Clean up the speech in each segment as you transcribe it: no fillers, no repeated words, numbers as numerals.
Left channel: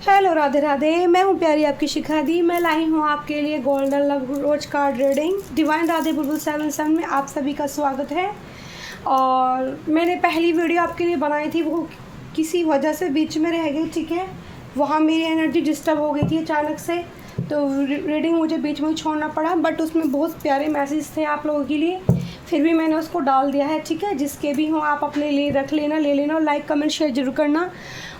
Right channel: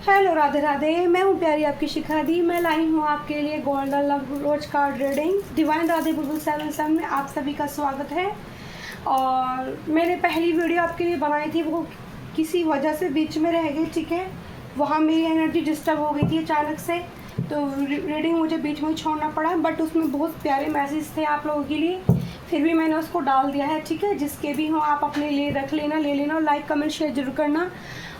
Hello Radhe Radhe, मैं हूँ प्यारी आपकी शिखा दी। मैं लाई हूँ आपके लिए गोल्डन लव रोज कार्ड रीडिंग डिवाइन राधे बुलबुल 77 में आप सभी का स्वागत है। और मैंने पहली वीडियो आपके लिए बनाई थी, वो किसी वजह से बीच में रह गई, ठीक है। वहाँ मेरी एनर्जी डिस्टर्ब हो गई थी अचानक से, तो रीडिंग मुझे बीच में छोड़ना पड़ा। बट उसमें बहुत प्यारे मैसेज थे आप लोगों के लिए, फिर भी मैंने उसको डाल दिया है, ठीक है। जिसके भी हों आप अपने लिए रख लेना, ले लेना। लाइक कमेंट शेयर जरूर करना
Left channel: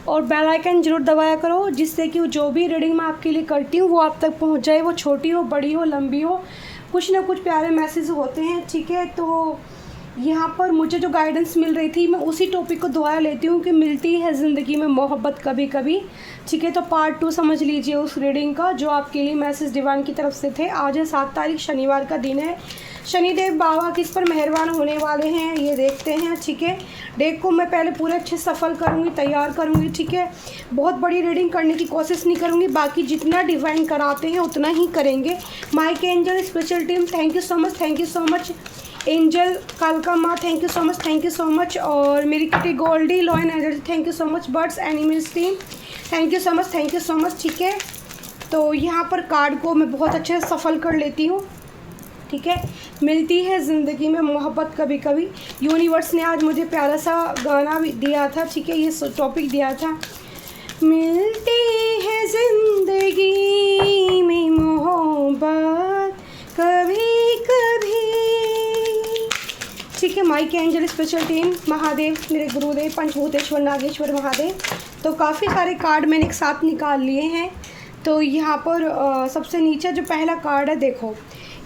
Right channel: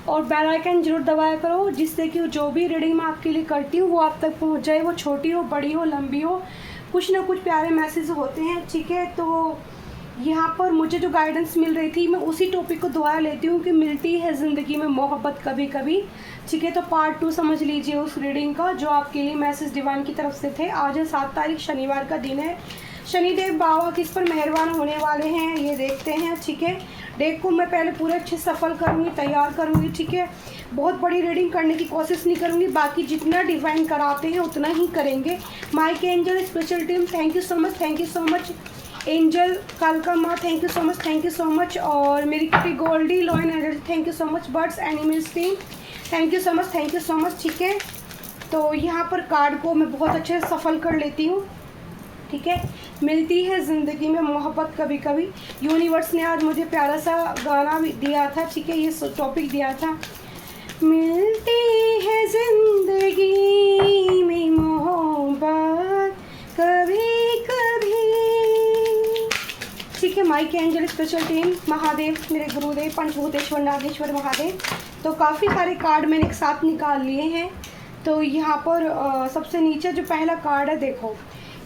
और बेल आइकन जरूर दबाया करो, जिससे कि जो भी रीडिंग मैं आपके लिए करती हूँ वो आप तक पहुँच जाए। वो छोटी हो, बड़ी हो, लंबी हो, कुछ ना कुछ प्यारे मैसेज होते हैं, ठीक है। तो यहाँ पर मुझे जो गाइडेंस मिल रही थी, मैं उसी टॉपिक को दोबारा लेती हूँ कि मिलती है ज़िंदगी में मोहब्बत कभी कभी, ठीक है। तो पार्ट 2 समझ लीजिए उस रीडिंग का, जो आपके लिए मैसेज डिवाइन की तरफ से थे। आज है 7 तारीख, शनिवार का दिन है। शनिदेव बाबा किस पर मेहरबान होने वाले हैं ये देखते हैं, ठीक है। डेक को मैं पहले पूरे अच्छे सफल करूँगी, तैयार करूँगी, ठीक है। बहुत बड़ी रीडिंग करने की कोशिश नहीं करूँगी, बाकी जितना डिवाइन कराते हैं उतना ही करेंगे। Mike angel special team, thank you so much, thank you so much. Angel कालका माँ, thank you so much, thank you so much. और मेरी kitty Goldie lion energy, thank you so much. Birds animals team, thank you so much, thank you so much, ठीक है। तो यहाँ पर card को मैं बहुत अच्छे से सफल कर लेती हूँ, ठीक है। मिलती है ज़िंदगी में मोहब्बत कभी कभी। यूनिवर्स ने आज मुझे प्यारा सा गाना भी दिया था, ठीक है। ये टॉपिक दिया था, मिलती है ज़िंदगी में मोहब्बत कभी कभी, ठीक है। Mike angel special team, Mahadev मेरे गुरुदेव पंचभूतेश्वर नागेश्वर महादेव। तो काफ़ी सारे कार्ड मैंने एक साथ निकाल लिए हैं। तो यहाँ पर सबसे नीचे जो पहला कार्ड है, देखो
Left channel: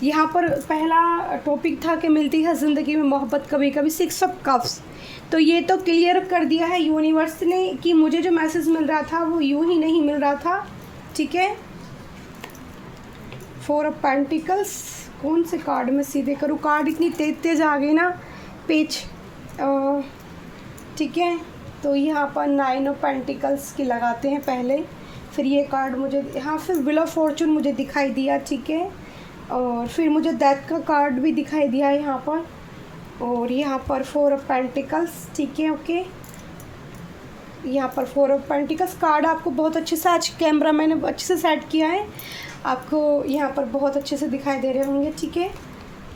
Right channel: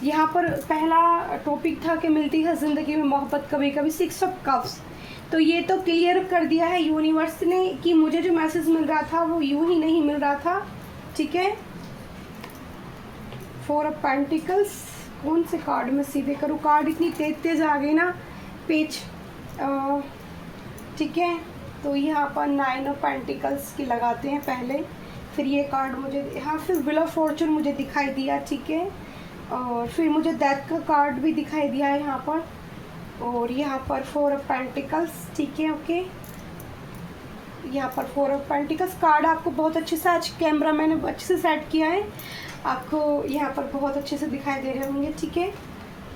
यहाँ पर पहला टॉपिक था कि मिलती है ज़िंदगी में मोहब्बत कभी कभी, 6 ऑफ कप्स। तो ये तो क्लियर कर दिया है यूनिवर्स ने कि मुझे जो मैसेज मिल रहा था वो यूं ही नहीं मिल रहा था, ठीक है। 4 ऑफ पेंटिकल्स, कौन से कार्ड में सीधे करूँ, कार्ड इतनी तेज तेज आ गई ना पेज, ठीक है। तो यहाँ पर 9 ऑफ पेंटिकल्स की लगाते हैं पहले, फिर ये कार्ड मुझे यहाँ फिर व्हील ऑफ फॉर्चून मुझे दिखाई दिया, ठीक है। और फिर मुझे डेथ का कार्ड भी दिखाई दिया है यहाँ पर, और यहाँ पर 4 ऑफ पेंटिकल्स, ठीक है, ओके। यहाँ पर 4 ऑफ पेंटिकल्स कार्ड आपको बहुत अच्छे से, आज कैमरा मैंने अच्छे से सेट किया है, आपको यहाँ पर बहुत अच्छे से दिखाई दे रहे होंगे, ठीक है।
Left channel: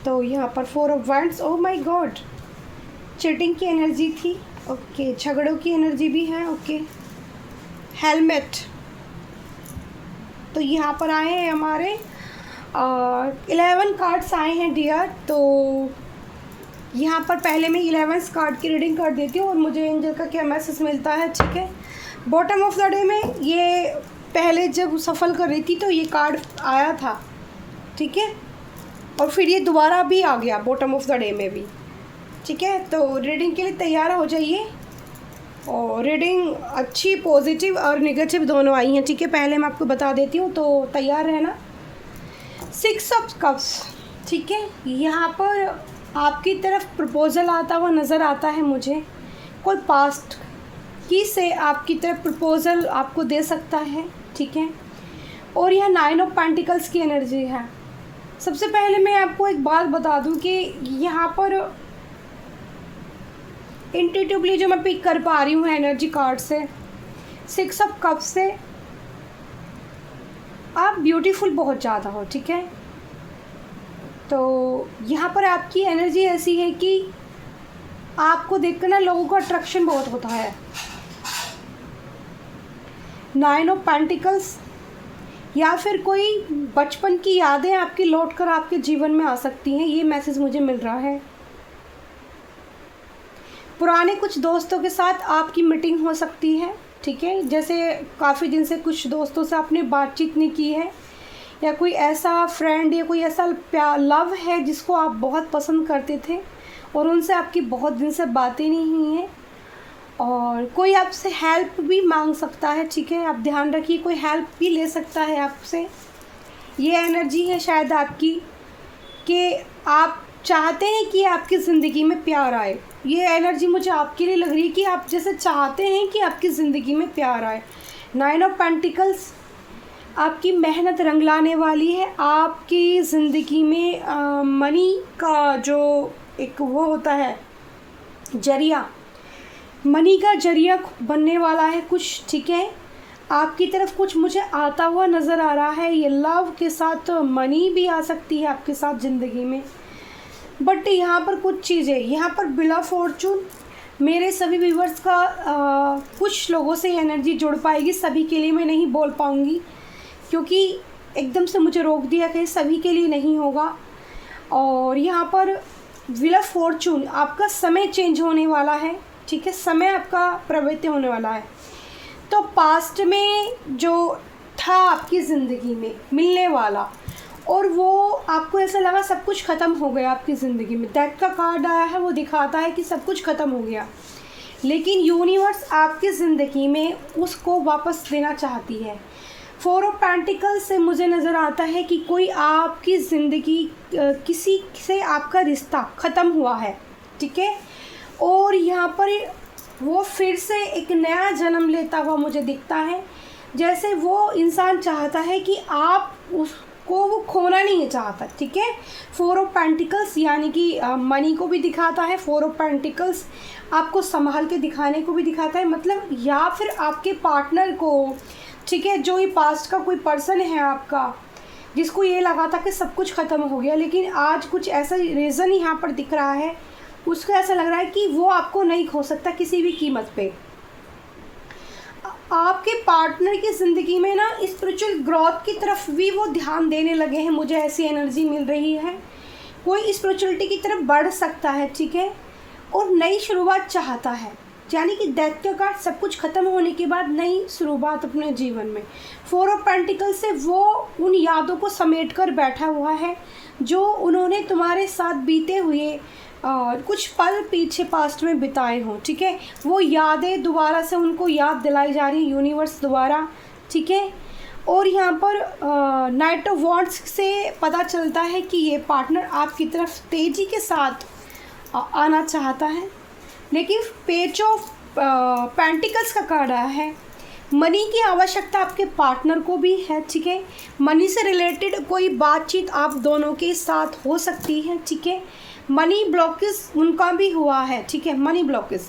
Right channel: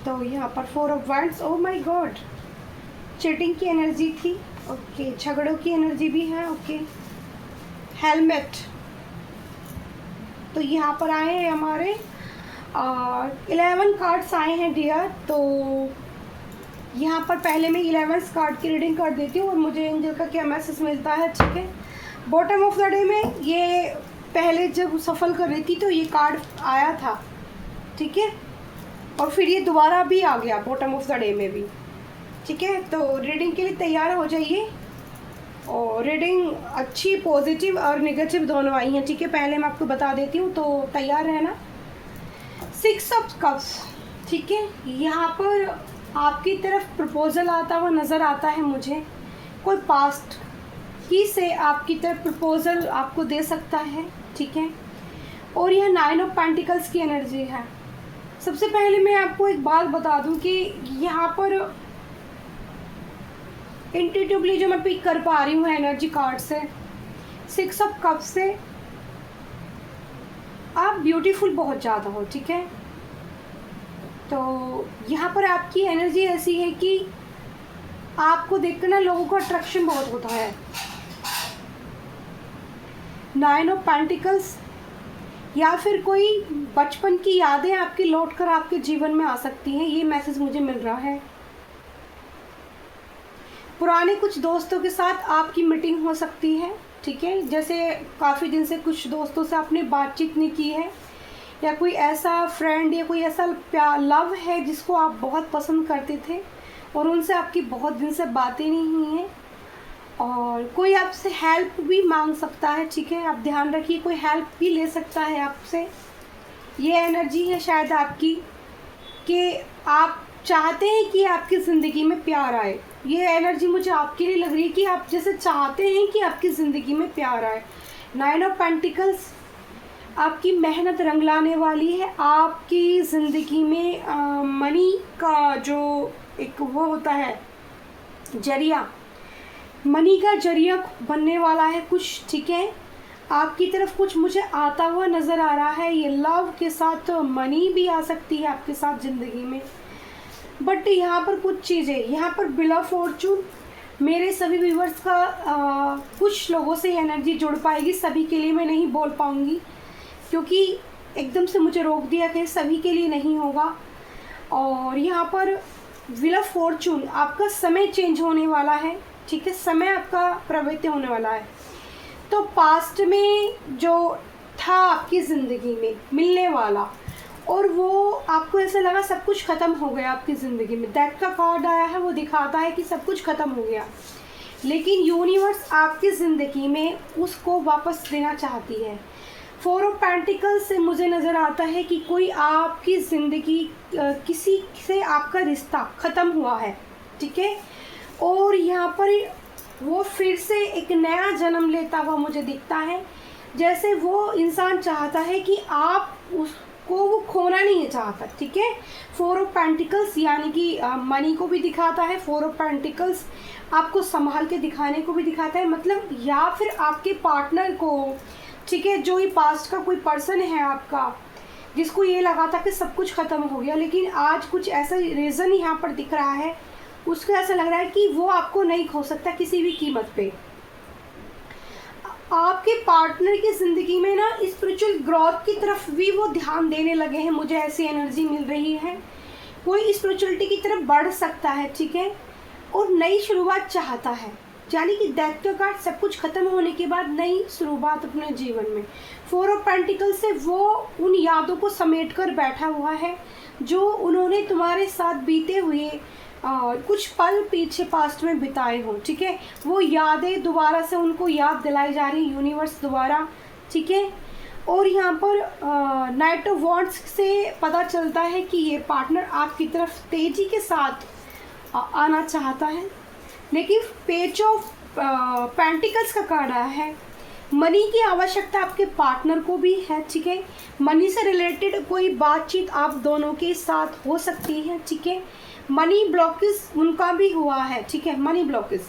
तो यहाँ पर 4 of wands, oh my God, cheating की एनर्जी थी, ओके। झगड़ों की एनर्जी भी है, ओके। हेलमेट, तो यहाँ पर आए हैं हमारे 11 कार्ड्स आए हैं डियर। तो यहाँ पर पहले मैं 11 कार्ड की रीडिंग कर देती हूँ और मुझे एंजल का क्या मैसेज मिलता है, ठीक है। बॉटम ऑफ द डे में ये पहले जब सफल कर रही थी तो ये कार्ड आया था, ठीक है। और फिर ये दोबारा भी आ गया बॉटम ऑफ द डे में भी, ठीक है। तो रीडिंग के लिए तैयार हो जाइए। और रीडिंग अच्छी, पॉजिटिव और नेगेटिव दोनों आई हैं, ठीक है। पहले मैं आपको बता देती हूँ, तो तैयार रहना। 6 ऑफ कप्स, ठीक है। यहाँ पर आपकी तरफ प्रपोजल आता हुआ नज़र आता है मुझे, कोई पास्ट ही से आपकी तरफ प्रपोजल आपको दे सकता है, ठीक है। और यह 9 ऑफ पेंटिकल्स की एनर्जी है। सबसे पहले मैं आपको एक बात बता दूं कि यहाँ पर इंट्यूटिवली जो मैं पिक कर पा रही हूँ एनर्जी कार्ड से, 6 ऑफ कप से, आप ब्यूटीफुल बहुत ज़्यादा हो, ठीक है। तो यहाँ पर आपकी एनर्जी ऐसी है कि आपको देखकर ना लोगों को अट्रैक्शन बहुत होता है। 9 ऑफ पेंटिकल्स, या फिर कोई बचपन की यादें आपकी लौट कर आपके जीवन में आ सकती हैं, ये मैसेज मुझे मिल रहा है। पुराने कुछ दोस्तों के साथ आपकी मीटिंग हो सकती है, ठीक है। जैसे काफ़ी दिन से कुछ दोस्तों से आपने बातचीत नहीं की है, या कोई ऐसा फ्रेंड या कोई ऐसा लव है जिसको आप बहुत पसंद करते थे और उनसे आपकी बहुत दिन से बातें नहीं हुई हैं। और कोई आपसे हेल्प भी मांग सकता है, ठीक है। आप ध्यान रखिए, कोई हेल्प भी ले सकता है आपसे। ये एनर्जी है शायद आपकी कि आप चाहते हैं कि आपकी ज़िंदगी में प्यार आए। ये एनर्जी मुझे आपके लिए लग रही है कि आप जैसे चाहते हैं कि आपकी ज़िंदगी में प्यार आए। 9 ऑफ पेंटिकल्स, आपकी मेहनत रंग लाने वाली है। आपकी ज़िंदगी में मनी का जो एक वो होता है जरिया, मनी का जरिया बनने वाला है कुछ, ठीक है। आपकी तरफ कुछ मुझे आता हुआ नज़र आ रहा है। ये लव के साथ मनी भी आ सकती है आपके साथ ज़िंदगी में, बट यहाँ पर कुछ चीज़ें, यहाँ पर व्हील ऑफ फॉर्चून मेरे सभी व्यूवर्स का कुछ लोगों से एनर्जी जुड़ पाएगी, सभी के लिए मैं नहीं बोल पाऊँगी क्योंकि एकदम से मुझे रोक दिया कि सभी के लिए नहीं होगा। और यहाँ पर व्हील ऑफ फॉर्चून, आपका समय चेंज होने वाला है, ठीक है, समय आपका परिवर्तित होने वाला है। तो पास्ट में जो था आपकी ज़िंदगी में मिलने वाला, और वो आपको ऐसा लगा सब कुछ ख़त्म हो गया आपकी ज़िंदगी में, डेथ का कार्ड आया है, वो दिखाता है कि सब कुछ ख़त्म हो गया, लेकिन यूनिवर्स आपकी ज़िंदगी में उसको वापस देना चाहती है। 4 ऑफ पेंटिकल्स से मुझे नज़र आता है कि कोई आपकी ज़िंदगी, किसी से आपका रिश्ता ख़त्म हुआ है, ठीक है, और यहाँ पर वो फिर से एक नया जन्म लेता हुआ मुझे दिखता है। जैसे वो इंसान चाहता है कि आप उसको, वो खोना नहीं है चाहता, ठीक है। 4 ऑफ पेंटिकल्स यानी कि मनी को भी दिखाता है, 4 ऑफ पेंटिकल्स आपको संभाल के दिखाने को भी दिखाता है, मतलब या फिर आपके पार्टनर को, ठीक है, जो ये पास्ट का कोई पर्सन है आपका जिसको ये लगा था कि सब कुछ ख़त्म हो गया, लेकिन आज कुछ ऐसा रीज़न यहाँ पर दिख रहा है, उसको ऐसा लग रहा है कि वो आपको नहीं खो सकता किसी भी कीमत पे। आपके पार्टनर की ज़िंदगी में ना स्पिरिचुअल ग्रोथ की तरफ भी वो ध्यान देने लगे हैं, मुझे ऐसी एनर्जी मिल रही है। कोई स्पिरिचुअलिटी की तरफ बढ़ सकता है, ठीक है, और नई शुरुआत चाहता है, यानी कि डेथ का कार्ड, सब कुछ ख़त्म होने के बाद नई शुरुआत अपने जीवन में। 4 ऑफ पेंटिकल से वो उन यादों को समेट कर बैठा हुआ है जो उन्होंने तुम्हारे साथ बीते हुए कुछ पल पीछे पास्ट में बिताए हों, ठीक है, वो यादें दोबारा से उनको याद दिलाई जा रही है यूनिवर्स द्वारा, ठीक है। और यहाँ पर नाइट ऑफ वॉन्ड्स से पता चलता है कि ये पार्टनर आपकी तरफ तेज़ी के साथ आना चाहता है, लेकिन पेज ऑफ पेंटिकल्स का कार्ड आया है। मनी की आवश्यकता आपके पार्टनर को भी है, ठीक है, मनी से रिलेटेड कोई बातचीत आप दोनों के साथ हो सकती है, ठीक है। मनी ब्लॉकेज उनका भी हुआ है, ठीक है, मनी ब्लॉकेज।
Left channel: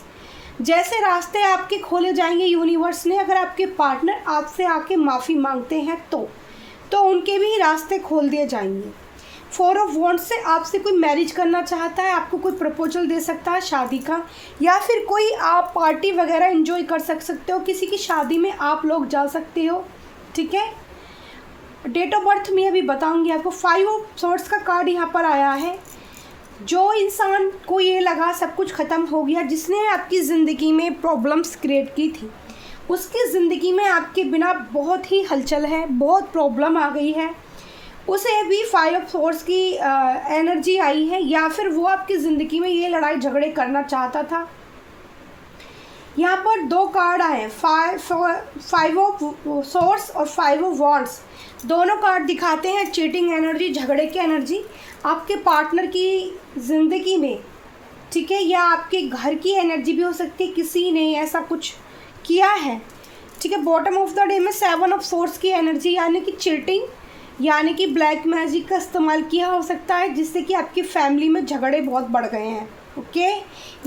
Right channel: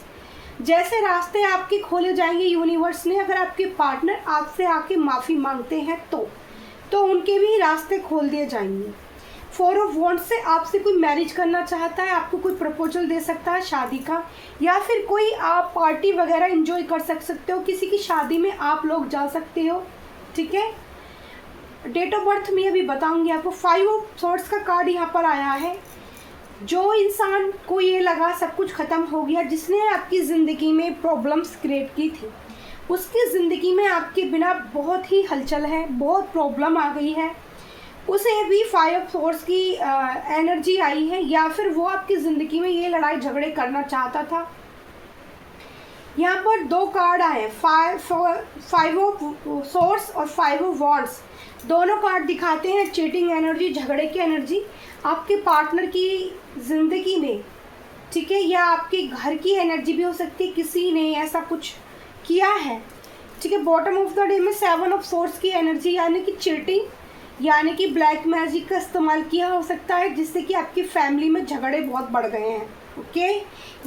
जैसे रास्ते आपके खोले जाएंगे यूनिवर्स ने, अगर आपके पार्टनर आपसे आके माफ़ी मांगते हैं तो उनके भी रास्ते खोल दिए जाएंगे। 4 ऑफ वॉन्ड्स से आपसे कोई मैरिज करना चाहता है, आपको कोई प्रपोजल दे सकता है शादी का, या फिर कोई आप पार्टी वगैरह एंजॉय कर सकते हो, किसी की शादी में आप लोग जा सकते हो, ठीक है। डेट ऑफ बर्थ में अभी बताऊंगी आपको। 5 ऑफ सोर्ड्स का कार्ड यहाँ पर आया है। जो इंसान को ये लगा सब कुछ ख़त्म हो गया, जिसने आपकी ज़िंदगी में प्रॉब्लम्स क्रिएट की थी, उसकी ज़िंदगी में आपके बिना बहुत ही हलचल है, बहुत प्रॉब्लम आ गई है, उसे भी 5 ऑफ सोर्ड्स की एनर्जी आई है, या फिर वो आपकी ज़िंदगी में ये लड़ाई झगड़े करना चाहता था। यहाँ पर 2 कार्ड आए हैं, 5 ऑफ सोर्ड्स और 5 ऑफ वॉन्ड्स। दोनों कार्ड दिखाते हैं चीटिंग एनर्जी, झगड़े की एनर्जी आपके पार्टनर की ज़िंदगी में, ठीक है, या आपके घर की एनर्जी भी हो सकती है, किसी ने ऐसा कुछ किया है, ठीक है। बॉटम ऑफ द डे में 7 ऑफ सोर्ड्स की एनर्जी, यानी कि चीटिंग, यानी कि ब्लैक मैजिक का इस्तेमाल किया हो सकता है, जिससे कि आपकी फैमिली में झगड़े बहुत बढ़ गए हैं, ओके।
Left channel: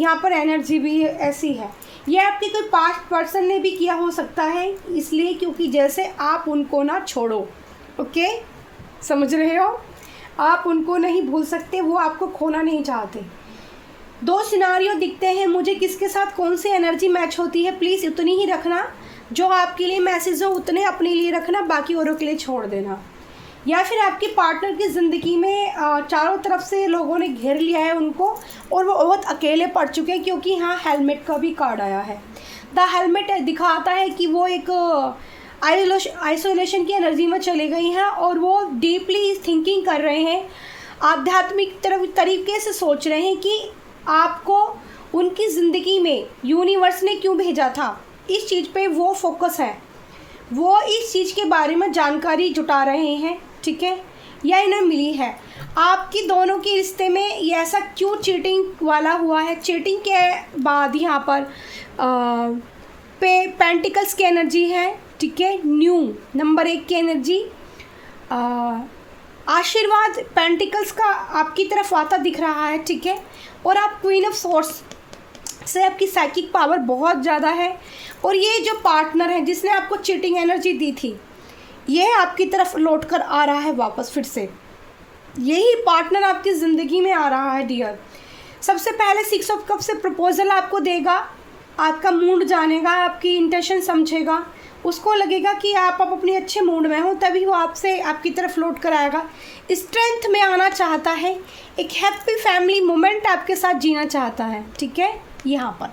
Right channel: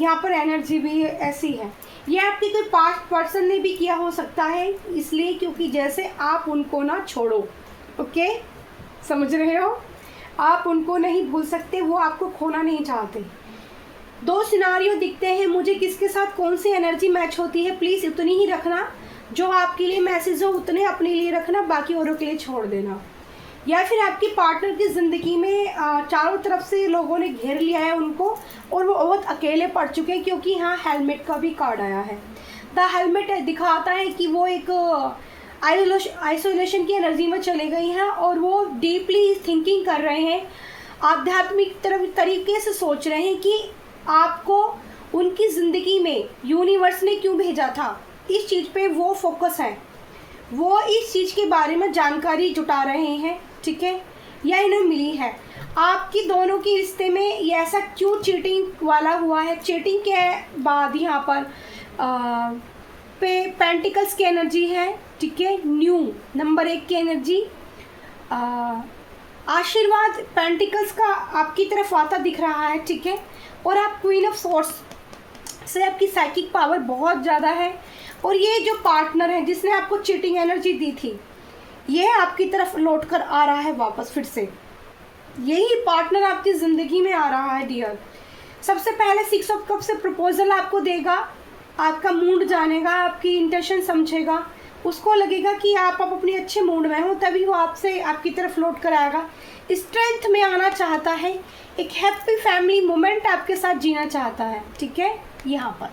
यहाँ पर एनर्जी भी ऐसी है, ये आपके कोई पास्ट पर्सन ने भी किया हो सकता है, इसलिए क्योंकि जैसे आप उनको ना छोड़ो, ओके, समझ रहे हो, आप उनको नहीं भूल सकते, वो आपको खोना नहीं चाहते। 2 सिनारियो दिखते हैं मुझे, किसके साथ कौन सी एनर्जी मैच होती है, प्लीज़ उतनी ही रखना, जो आपके लिए मैसेज हो उतने अपने लिए रखना, बाकी औरों के लिए छोड़ देना। या फिर आपके पार्टनर की ज़िंदगी में चारों तरफ से लोगों ने घेर लिया है उनको, और वो बहुत अकेले पड़ चुके हैं, क्योंकि यहाँ हेलमेट का भी कार्ड आया है। द हेलमेट दिखाता है कि वो एक आइसोलेशन की एनर्जी में चले गई हैं, और वो डीपली थिंकिंग कर रहे हैं, आध्यात्मिक तरीके से सोच रहे हैं कि आपको उनकी ज़िंदगी में यूनिवर्स ने क्यों भेजा था, इस चीज़ पे वो फोकस है, वो इस चीज़ के बारे में जानकारी जुटा रहे हैं, ठीक है, या इन्हें मिली है। आपकी दोनों के रिश्ते में ये ऐसा क्यों चीटिंग वाला हुआ है। चीटिंग के बाद यहाँ पर पेंटिकल्स की एनर्जी है, ठीक है, न्यू नंबर 1 की एनर्जी, आशीर्वाद पेंटिकल्स का आपकी तरफ आता दिख रहा है, ठीक है, और आप क्वीन ऑफ सोर्स से आपकी साइकिक पावर बहुत ज़्यादा है, और ये जो पार्टनर है जिसने आपको चीटिंग एनर्जी दी थी, ये आपकी तरफ लौट कर आ रहा है वापस फिर से। यही पार्टनर आपकी ज़िंदगी में आ रहा है डियर। सबसे पहले 6 ऑफ कप से प्रपोजल आपको देगा, आपका मूड जानेगा, आपकी इंटेंशन समझेगा, उसको लगेगा कि आप अब अपने अच्छे मूड में हो, तभी वो आपसे आपकी तरफ लौट कर आएगा। स्ट्रेंथ में आना चाहता है, एक हैप्पी फैमिली मोमेंट आपके साथ जीना चाहता है, ठीक है। यहाँ पर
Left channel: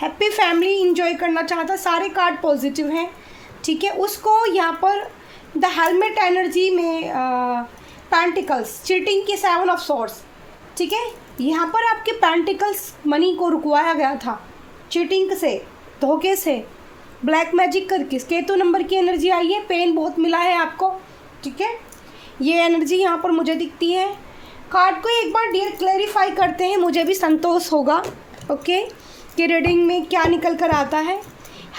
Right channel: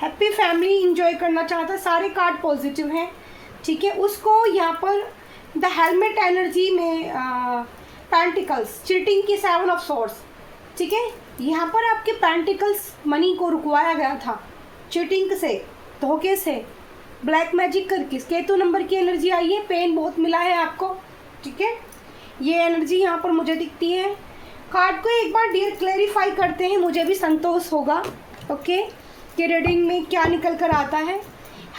हैप्पी फैमिली इंजॉय करना चाहता है, सारे कार्ड पॉजिटिव हैं, ठीक है। उसको यहाँ पर द हेलमेट एनर्जी में पेंटिकल्स, चीटिंग की 7 ऑफ सॉर्ड्स, ठीक है। यहाँ पर आपके पेंटिकल्स मनी को रुकवाया गया था चीटिंग से, धोखे से, ब्लैक मैजिक करके। केतु नंबर की एनर्जी आई है, पेन बहुत मिला है आपको, ठीक है। ये एनर्जी यहाँ पर मुझे दिखती है। कार्ड को एक बार डियर क्लैरिफाई करते हैं, मुझे भी संतोष होगा, ओके, कि रीडिंग में क्या निकल कर आता है।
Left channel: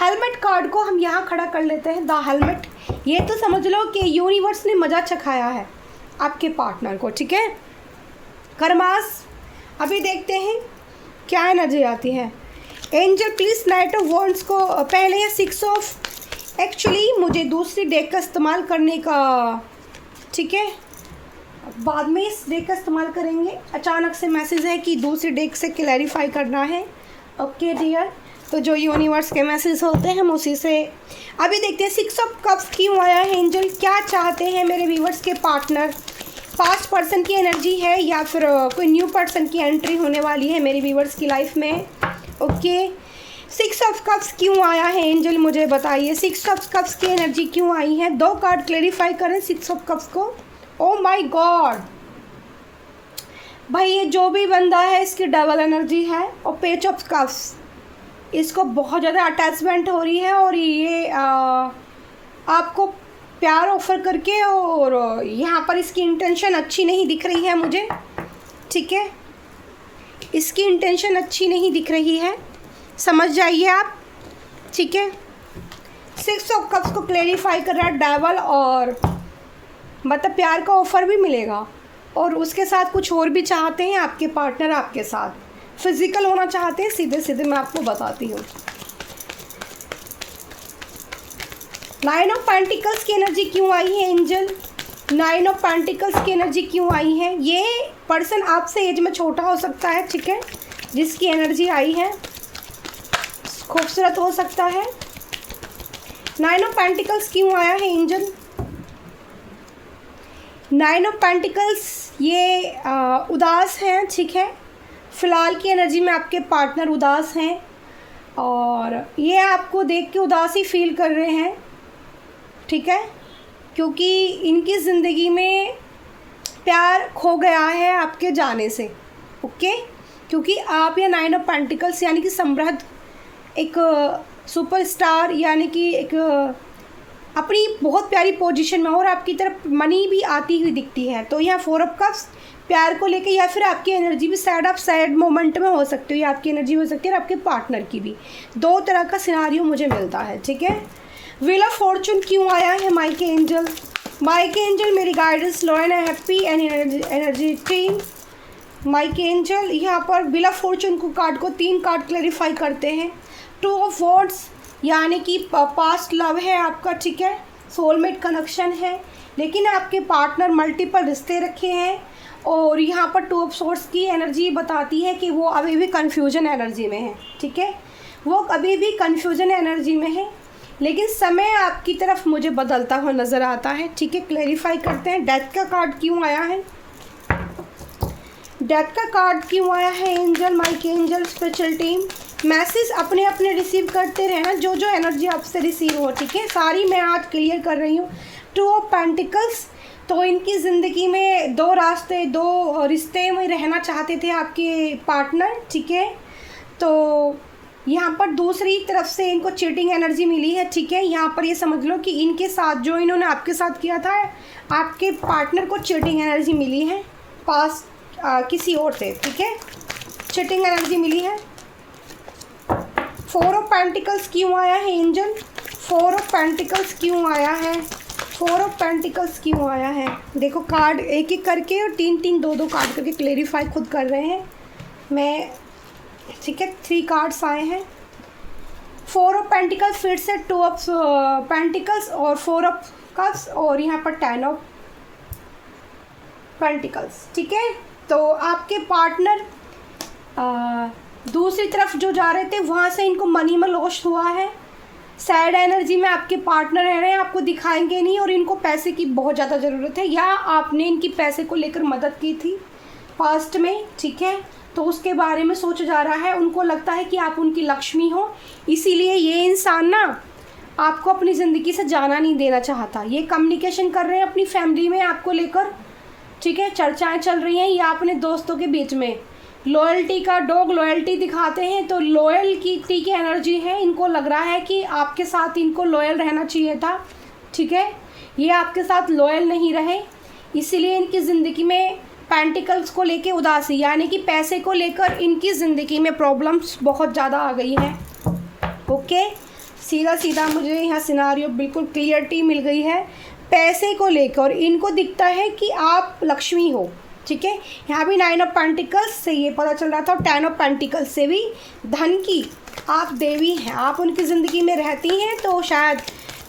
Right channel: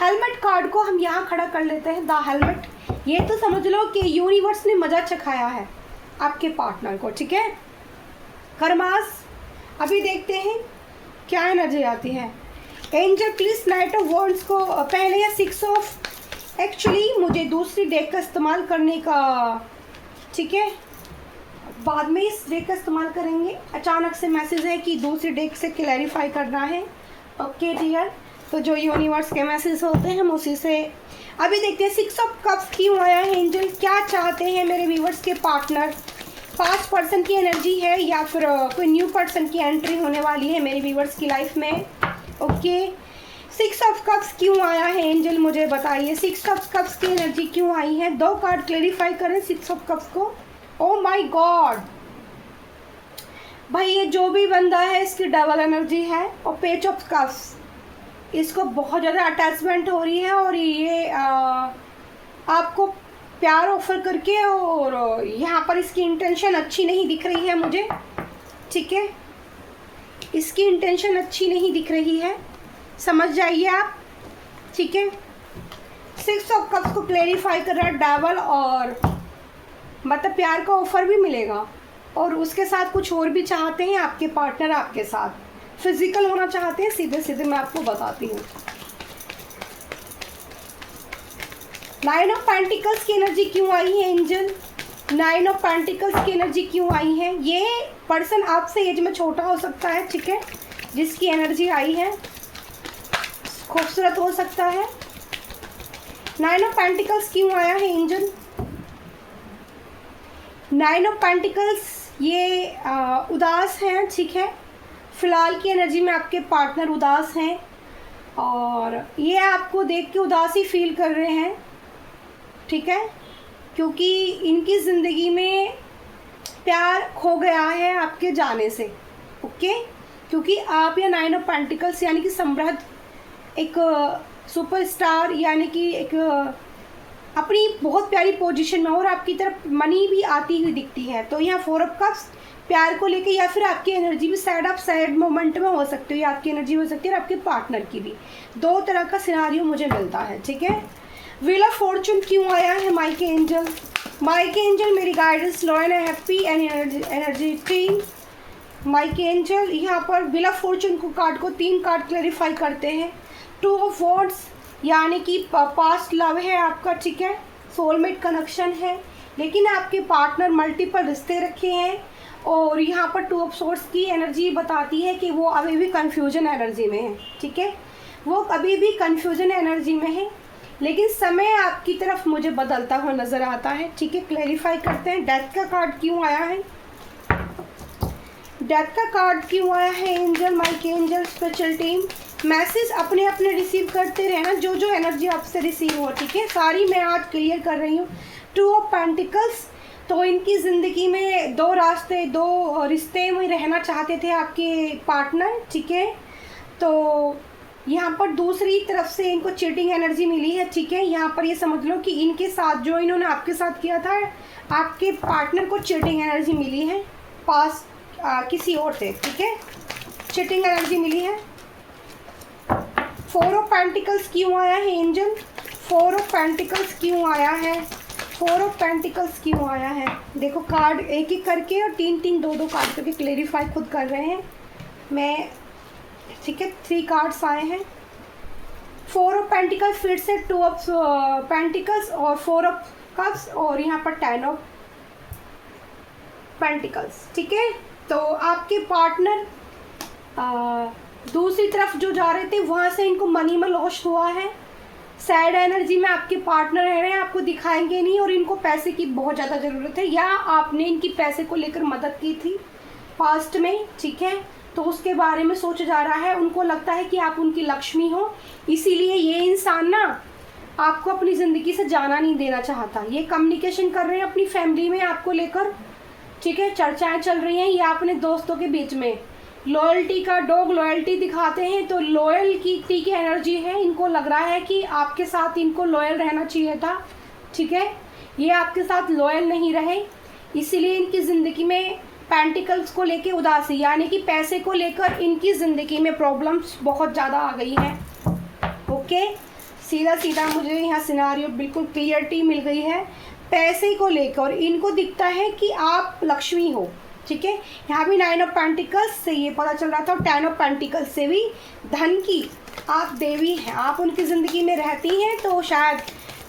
हेलमेट कार्ड को हम यहाँ खड़ा कर लेते हैं, द हेलमेट। ये तो समझ लो कि यूनिवर्स ने मजा चखाया है आपके पार्टनर को, ठीक है। कर्मास, अभी देखते हैं क्या एनर्जी आती है। Angel please night of wands को पहले या 6 ऑफ, एक्चुअली मुझे दूसरी डेक का इस्तेमाल करने का, ठीक है, बाद में इस डेक का इस्तेमाल करेंगे। अचानक से मैसेज है कि दूसरी डेक से क्लैरिफाई करना है, ओके डियर। तो जो यूनिवर्स के मैसेज होते हैं हम उसी से अभी देखते हैं। 6 ऑफ कप्स क्यों आया है एंजल, क्या चाहते हैं मेरे व्यूवर्स के पार्टनर। पास्ट पर्सन की एनर्जी है या फिर कोई न्यू पर्सन की एंट्री होने वाली है मेरे व्यूवर्स की लाइफ में, ओके। 6 ऑफ कप्स क्यों आया है एंजल, मुझे बताइए 6 ऑफ कप्स की एनर्जी क्यों आई है। 2 कार्ड क्लैरिफाई करें 6 ऑफ कप्स को। ओ माय गॉड भाई, ये जो भी बंदा है इसकी डबल एनर्जी है। और पेज ऑफ कप्स, इसको बहुत ज़्यादा अटैचमेंट हो रही है और ये आपको प्यार ऑफर करके, और यहाँ पर इसकी इंटेंशन अच्छी नहीं दिख रही है मुझे, ठीक है। इसकी इंटेंशन अच्छी नहीं दिख रही है, समझ जाइए आप, ठीक है। 6 ऑफ कप्स को क्लैरिफाई कर रहा है डेवल, और मतलब प्यार का ऑफर भी मिलेगा और उसके साथ कुछ और भी चाहते हैं आपके पार्टनर, आपके साथ फिजिकल होना चाहते हैं, सीधे सीधे मैं आपको बताती हूँ। 9 ऑफ पेंटिकल्स की एनर्जी क्यों आई है एंजल, 9 ऑफ पेंटिकल्स की एनर्जी क्यों आई है। ये पर्सन आपसे एज में छोटा हो सकता है, ठीक है, जिसकी एनर्जी आई है, खूबसूरत हो सकता है। 9 ऑफ पेंटिकल्स क्यों आया है एंजल, 9 ऑफ पेंटिकल्स ये उदास हैं, ठीक है। फ़िलहाल की एनर्जी में आपके पार्टनर उदास हैं और ये आपको देख के उदासी फील कर रहे हैं, ठीक है, क्योंकि इनकी ज़िंदगी में प्यार खो गया है आपके जाने से, ओके। क्योंकि आप या 9 ऑफ पेंटिकल्स यानी कि समृद्ध, एक सुपरस्टार, यानी कि एक अपनी बहुत प्यारी पोजीशन में, और आपकी तरफ मनी भी आती हुई दिखती है। तो यहाँ 4 ऑफ कप्स प्यार को लेके, या फिर आपकी एनर्जी भी सैड मोमेंट में हो सकती है, या आपकी एनर्जी हो सकती है और आपके पार्टनर की भी। 2 तरह का सिनारियो मुझे मिलता है, ठीक है। व्हील ऑफ फॉर्चून क्यों आया है माइके एंजल, माइके एंजल मेरी guidance low and happy and energy team. माइके एंजल यहाँ पर व्हील ऑफ फॉर्चून को कार्ड को 3 कार्ड क्लैरिफाई करते हैं। 2 ऑफ वॉन्ड्स यानी कि पास्ट लव है आपका, ठीक है, सोलमेट कनेक्शन है, लेकिन आपके पार्टनर मल्टीपल रिश्ते रखे हैं। और यहाँ पर 2 ऑफ सोर्स की एनर्जी बताती है कि वो अभी भी कन्फ्यूजन एनर्जी में है, ठीक है, वो अभी भी कन्फ्यूजन एनर्जी में है, लेकिन समय आपकी तरफ मुझे बदलता हुआ नज़र आता है, ठीक है। क्लैरिफाई करते हैं डेथ का कार्ड क्यों आया है, डेथ का कार्ड क्यों आया है एंजल, माइके एंजल स्पेशल टीम। मैसेज अपने अपने रिसीव करते रहना, जो जो एनर्जी आपसे रिसीव हो, ठीक है, सारी मैं आज क्लियर कर रही हूँ। 2 ऑफ पेंटिकल्स, तो इनकी ज़िंदगी में 2 रास्ते, 2 रिश्ते में रहना चाहते थे आपके पार्टनर, ठीक है। तो यहाँ पर दूसरी तरफ से इनको चीटिंग एनर्जी मिली है, ठीक है। यहाँ पर ये समझ लो कि इनके साथ जो इन्होंने आपके साथ किया था, आपके पार्टनर को चीटिंग एनर्जी मिली है पास किसी और से, ठीक है, चीटिंग एनर्जी मिली है। 4 ऑफ पेंटिकल्स क्यों आया है एंजल, 4 ऑफ पेंटिकल्स क्यों आया है, 4 ऑफ पेंटिकल्स क्यों आया है। देखो कार्ड एक एक करके और 3-3 2-2 कार्ड करके क्लैरिफाई खुद कर रहे हैं मैं, ठीक है। 3 कार्ड्स आए हैं, 4 ऑफ पेंटिकल्स, फिर से 2 ऑफ पेंटिकल्स और 4 ऑफ कप्स और यहाँ पर 10 ऑफ पेंटिकल्स। ठीक है, तो आपके पार्टनर दूसरी तरफ जो जा रहे थे वहाँ से इनको मनी में लॉस हुआ है। सैड एनर्जी में आपके पार्टनर रह रहे हैं, आपको दिखाएंगे नहीं और इनको पैसे की बहुत ज़्यादा ज़रूरत है, या आपने इनकी पैसे को लेकर मदद की थी पास्ट में। ठीक है, तो उसके बारे में सोचा जा रहा है। उनको लगता है कि आप उनकी लक्ष्मी हो, इसीलिए ये इंसान ना आपको अपनी ज़िंदगी से जाना नहीं देना चाहता। ये कम्युनिकेशन कर रहे हैं अपनी फैमिली में आपको लेकर। ठीक है, चर्चाएं चल रही हैं या अपने दोस्तों के बीच में। लॉयल्टी का डॉग लॉयल्टी दिखाते हैं, तो लॉयल्टी की एनर्जी है। इनको लग रहा है कि आपके साथ इनको लॉयल रहना चाहिए था। ठीक है, ये आपके साथ लॉयल नहीं रहे, इसीलिए इनकी ज़िंदगी में पेंटिकल्स को लेके उदासी, यानी कि पैसे को लेकर इनकी ज़िंदगी में प्रॉब्लम्स बहुत ज़्यादा आ गई है। ओके, सीधा सीधा मुझे यहाँ सिनारियो बिल्कुल क्लियरिटी मिल गई है। पैसे को लेकर इनको दिखता है कि आप लक्ष्मी हो। ठीक है, यहाँ भी 9 ऑफ पेंटिकल्स से ये पता चल रहा था, और 10 ऑफ पेंटिकल्स से भी धन की आप देवी हैं, आप उनकी ज़िंदगी में रहती हैं, तो शायद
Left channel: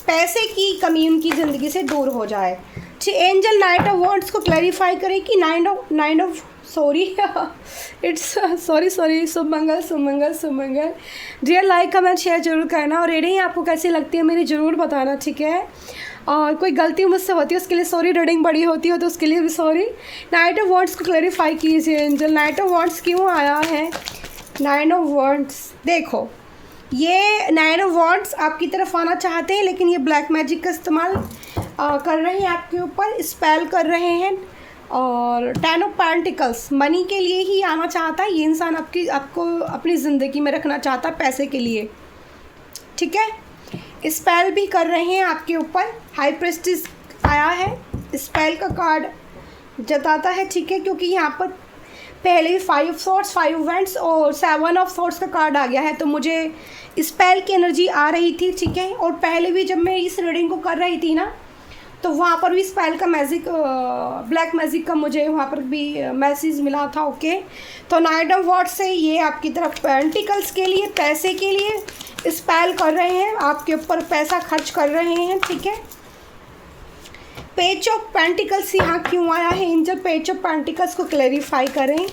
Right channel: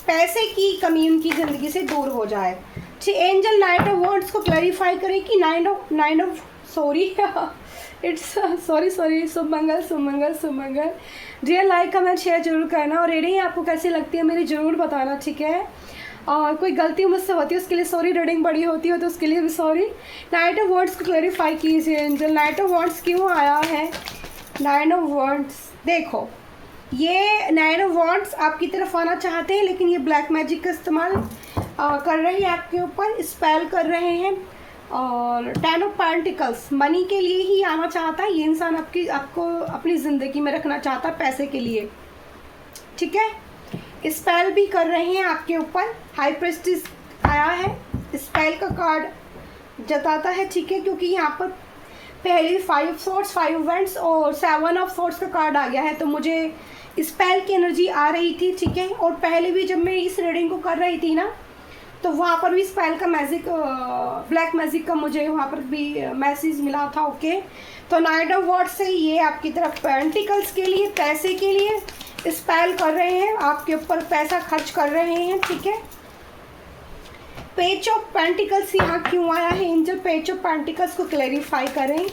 पैसे की कमी उनकी ज़िंदगी से दूर हो जाए। ठीक, एंजल नाइट ऑफ वॉन्ड्स को क्लैरिफाई करें कि nine of sorry it's sorry Sumangal dear, like comment share जरूर करना, और रीडिंग आपको कैसी लगती है मेरी ज़रूर बताना। ठीक है, और कोई गलती मुझसे होती है उसके लिए सॉरी, रीडिंग बड़ी होती है तो उसके लिए भी सॉरी। नाइट ऑफ वॉन्ड्स को क्लैरिफाई कीजिए एंजल, नाइट ऑफ वॉन्ड्स क्यों आया है? 9 ऑफ वॉन्ड्स, देखो ये 9 ऑफ वॉन्ड्स आपकी तरफ आना चाहते हैं, लेकिन ये ब्लैक मैजिक का इस्तेमाल कर रहे हैं आपके ऊपर, स्पेल कर रहे हैं। और 10 ऑफ पेंटिकल्स मनी के लिए ही आना चाहता है ये इंसान, आपको अपनी ज़िंदगी में रखना चाहता है पैसे के लिए। ठीक है, स्पेल भी कर रहे हैं आपके ऊपर। हाई प्रेस्टिज आया है, स्पेल का कार्ड जताता है। ठीक है, क्योंकि यहाँ पर पहले 5 सॉर्ड्स 5 वेंट्स और 7 ऑफ सॉर्ड्स का कार्ड आ गया है, तो मुझे स्पेल की एनर्जी आ रही थी। ठीक है, और पहले भी जब मैं इस रीडिंग को कर रही थी ना, तो वहाँ पर भी स्पेल का मैजिक, ब्लैक मैजिक का मुझे वहाँ पर भी मैसेज मिला था। ओके, तो नाइट ऑफ वॉन्ड्स से ये आपकी तरफ पेंटिकल्स के लिए, पैसे के लिए स्पेल कर रहे हैं, आपके ऊपर पैसा खर्च कर रहे हैं। ठीक है, पेज ऑफ पेंटिकल्स यहाँ क्यों आया है एंजल? पेज ऑफ पेंटिकल्स को क्लैरिफाई करें।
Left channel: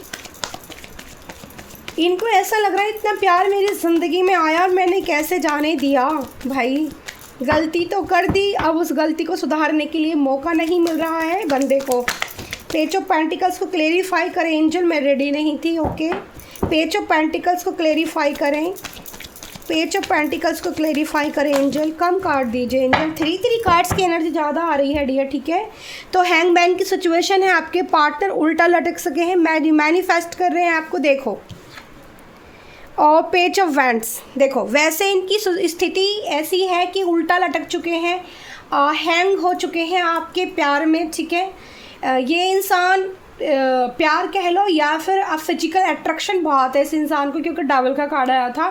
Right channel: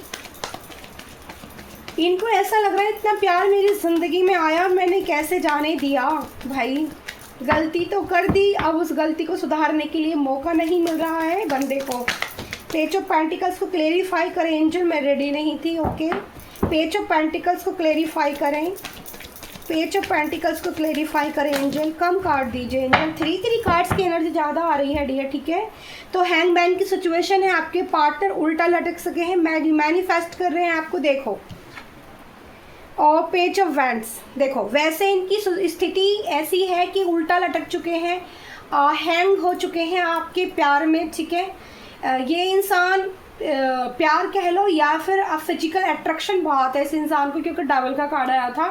इनको ऐसा लग रहा है इतना प्यार मेरी ज़िंदगी में आया, मैंने कैसे जाने दिया। भाई गलती तो कर दी, अब उस गलती को सुधारने के लिए मौका नहीं मिल रहा है बंदे को। पेज ऑफ पेंटिकल्स को क्लैरिफाई करें एंजल, मैं रेडी नहीं थी। ओके, पेज ऑफ पेंटिकल्स को क्लैरिफाई करें, पेज ऑफ पेंटिकल्स को क्लैरिफाई करें एंजल। कम कार्ड दीजिए एंजल, 3 कार्ड्स की एनर्जी ज़्यादा आ रही है डियर। ठीक है, तो हैंगमैन की सिचुएशन है, आपके पार्टनर उल्टा लटक सके हैं, मैनिफेस्ट कर रहे हैं आपको। देखो, और पेज ऑफ वैंड्स, देखो वैसे इनकी स्थिति ऐसी है कि उल्टा लटक चुके हैं, हैंग हो चुके हैं आपके प्यार में। ठीक है, ये इंसान प्यार कह लो या फिर फिजिकल अट्रैक्शन बहुत है इस इंसान को, क्योंकि डबल का कार्ड आया था।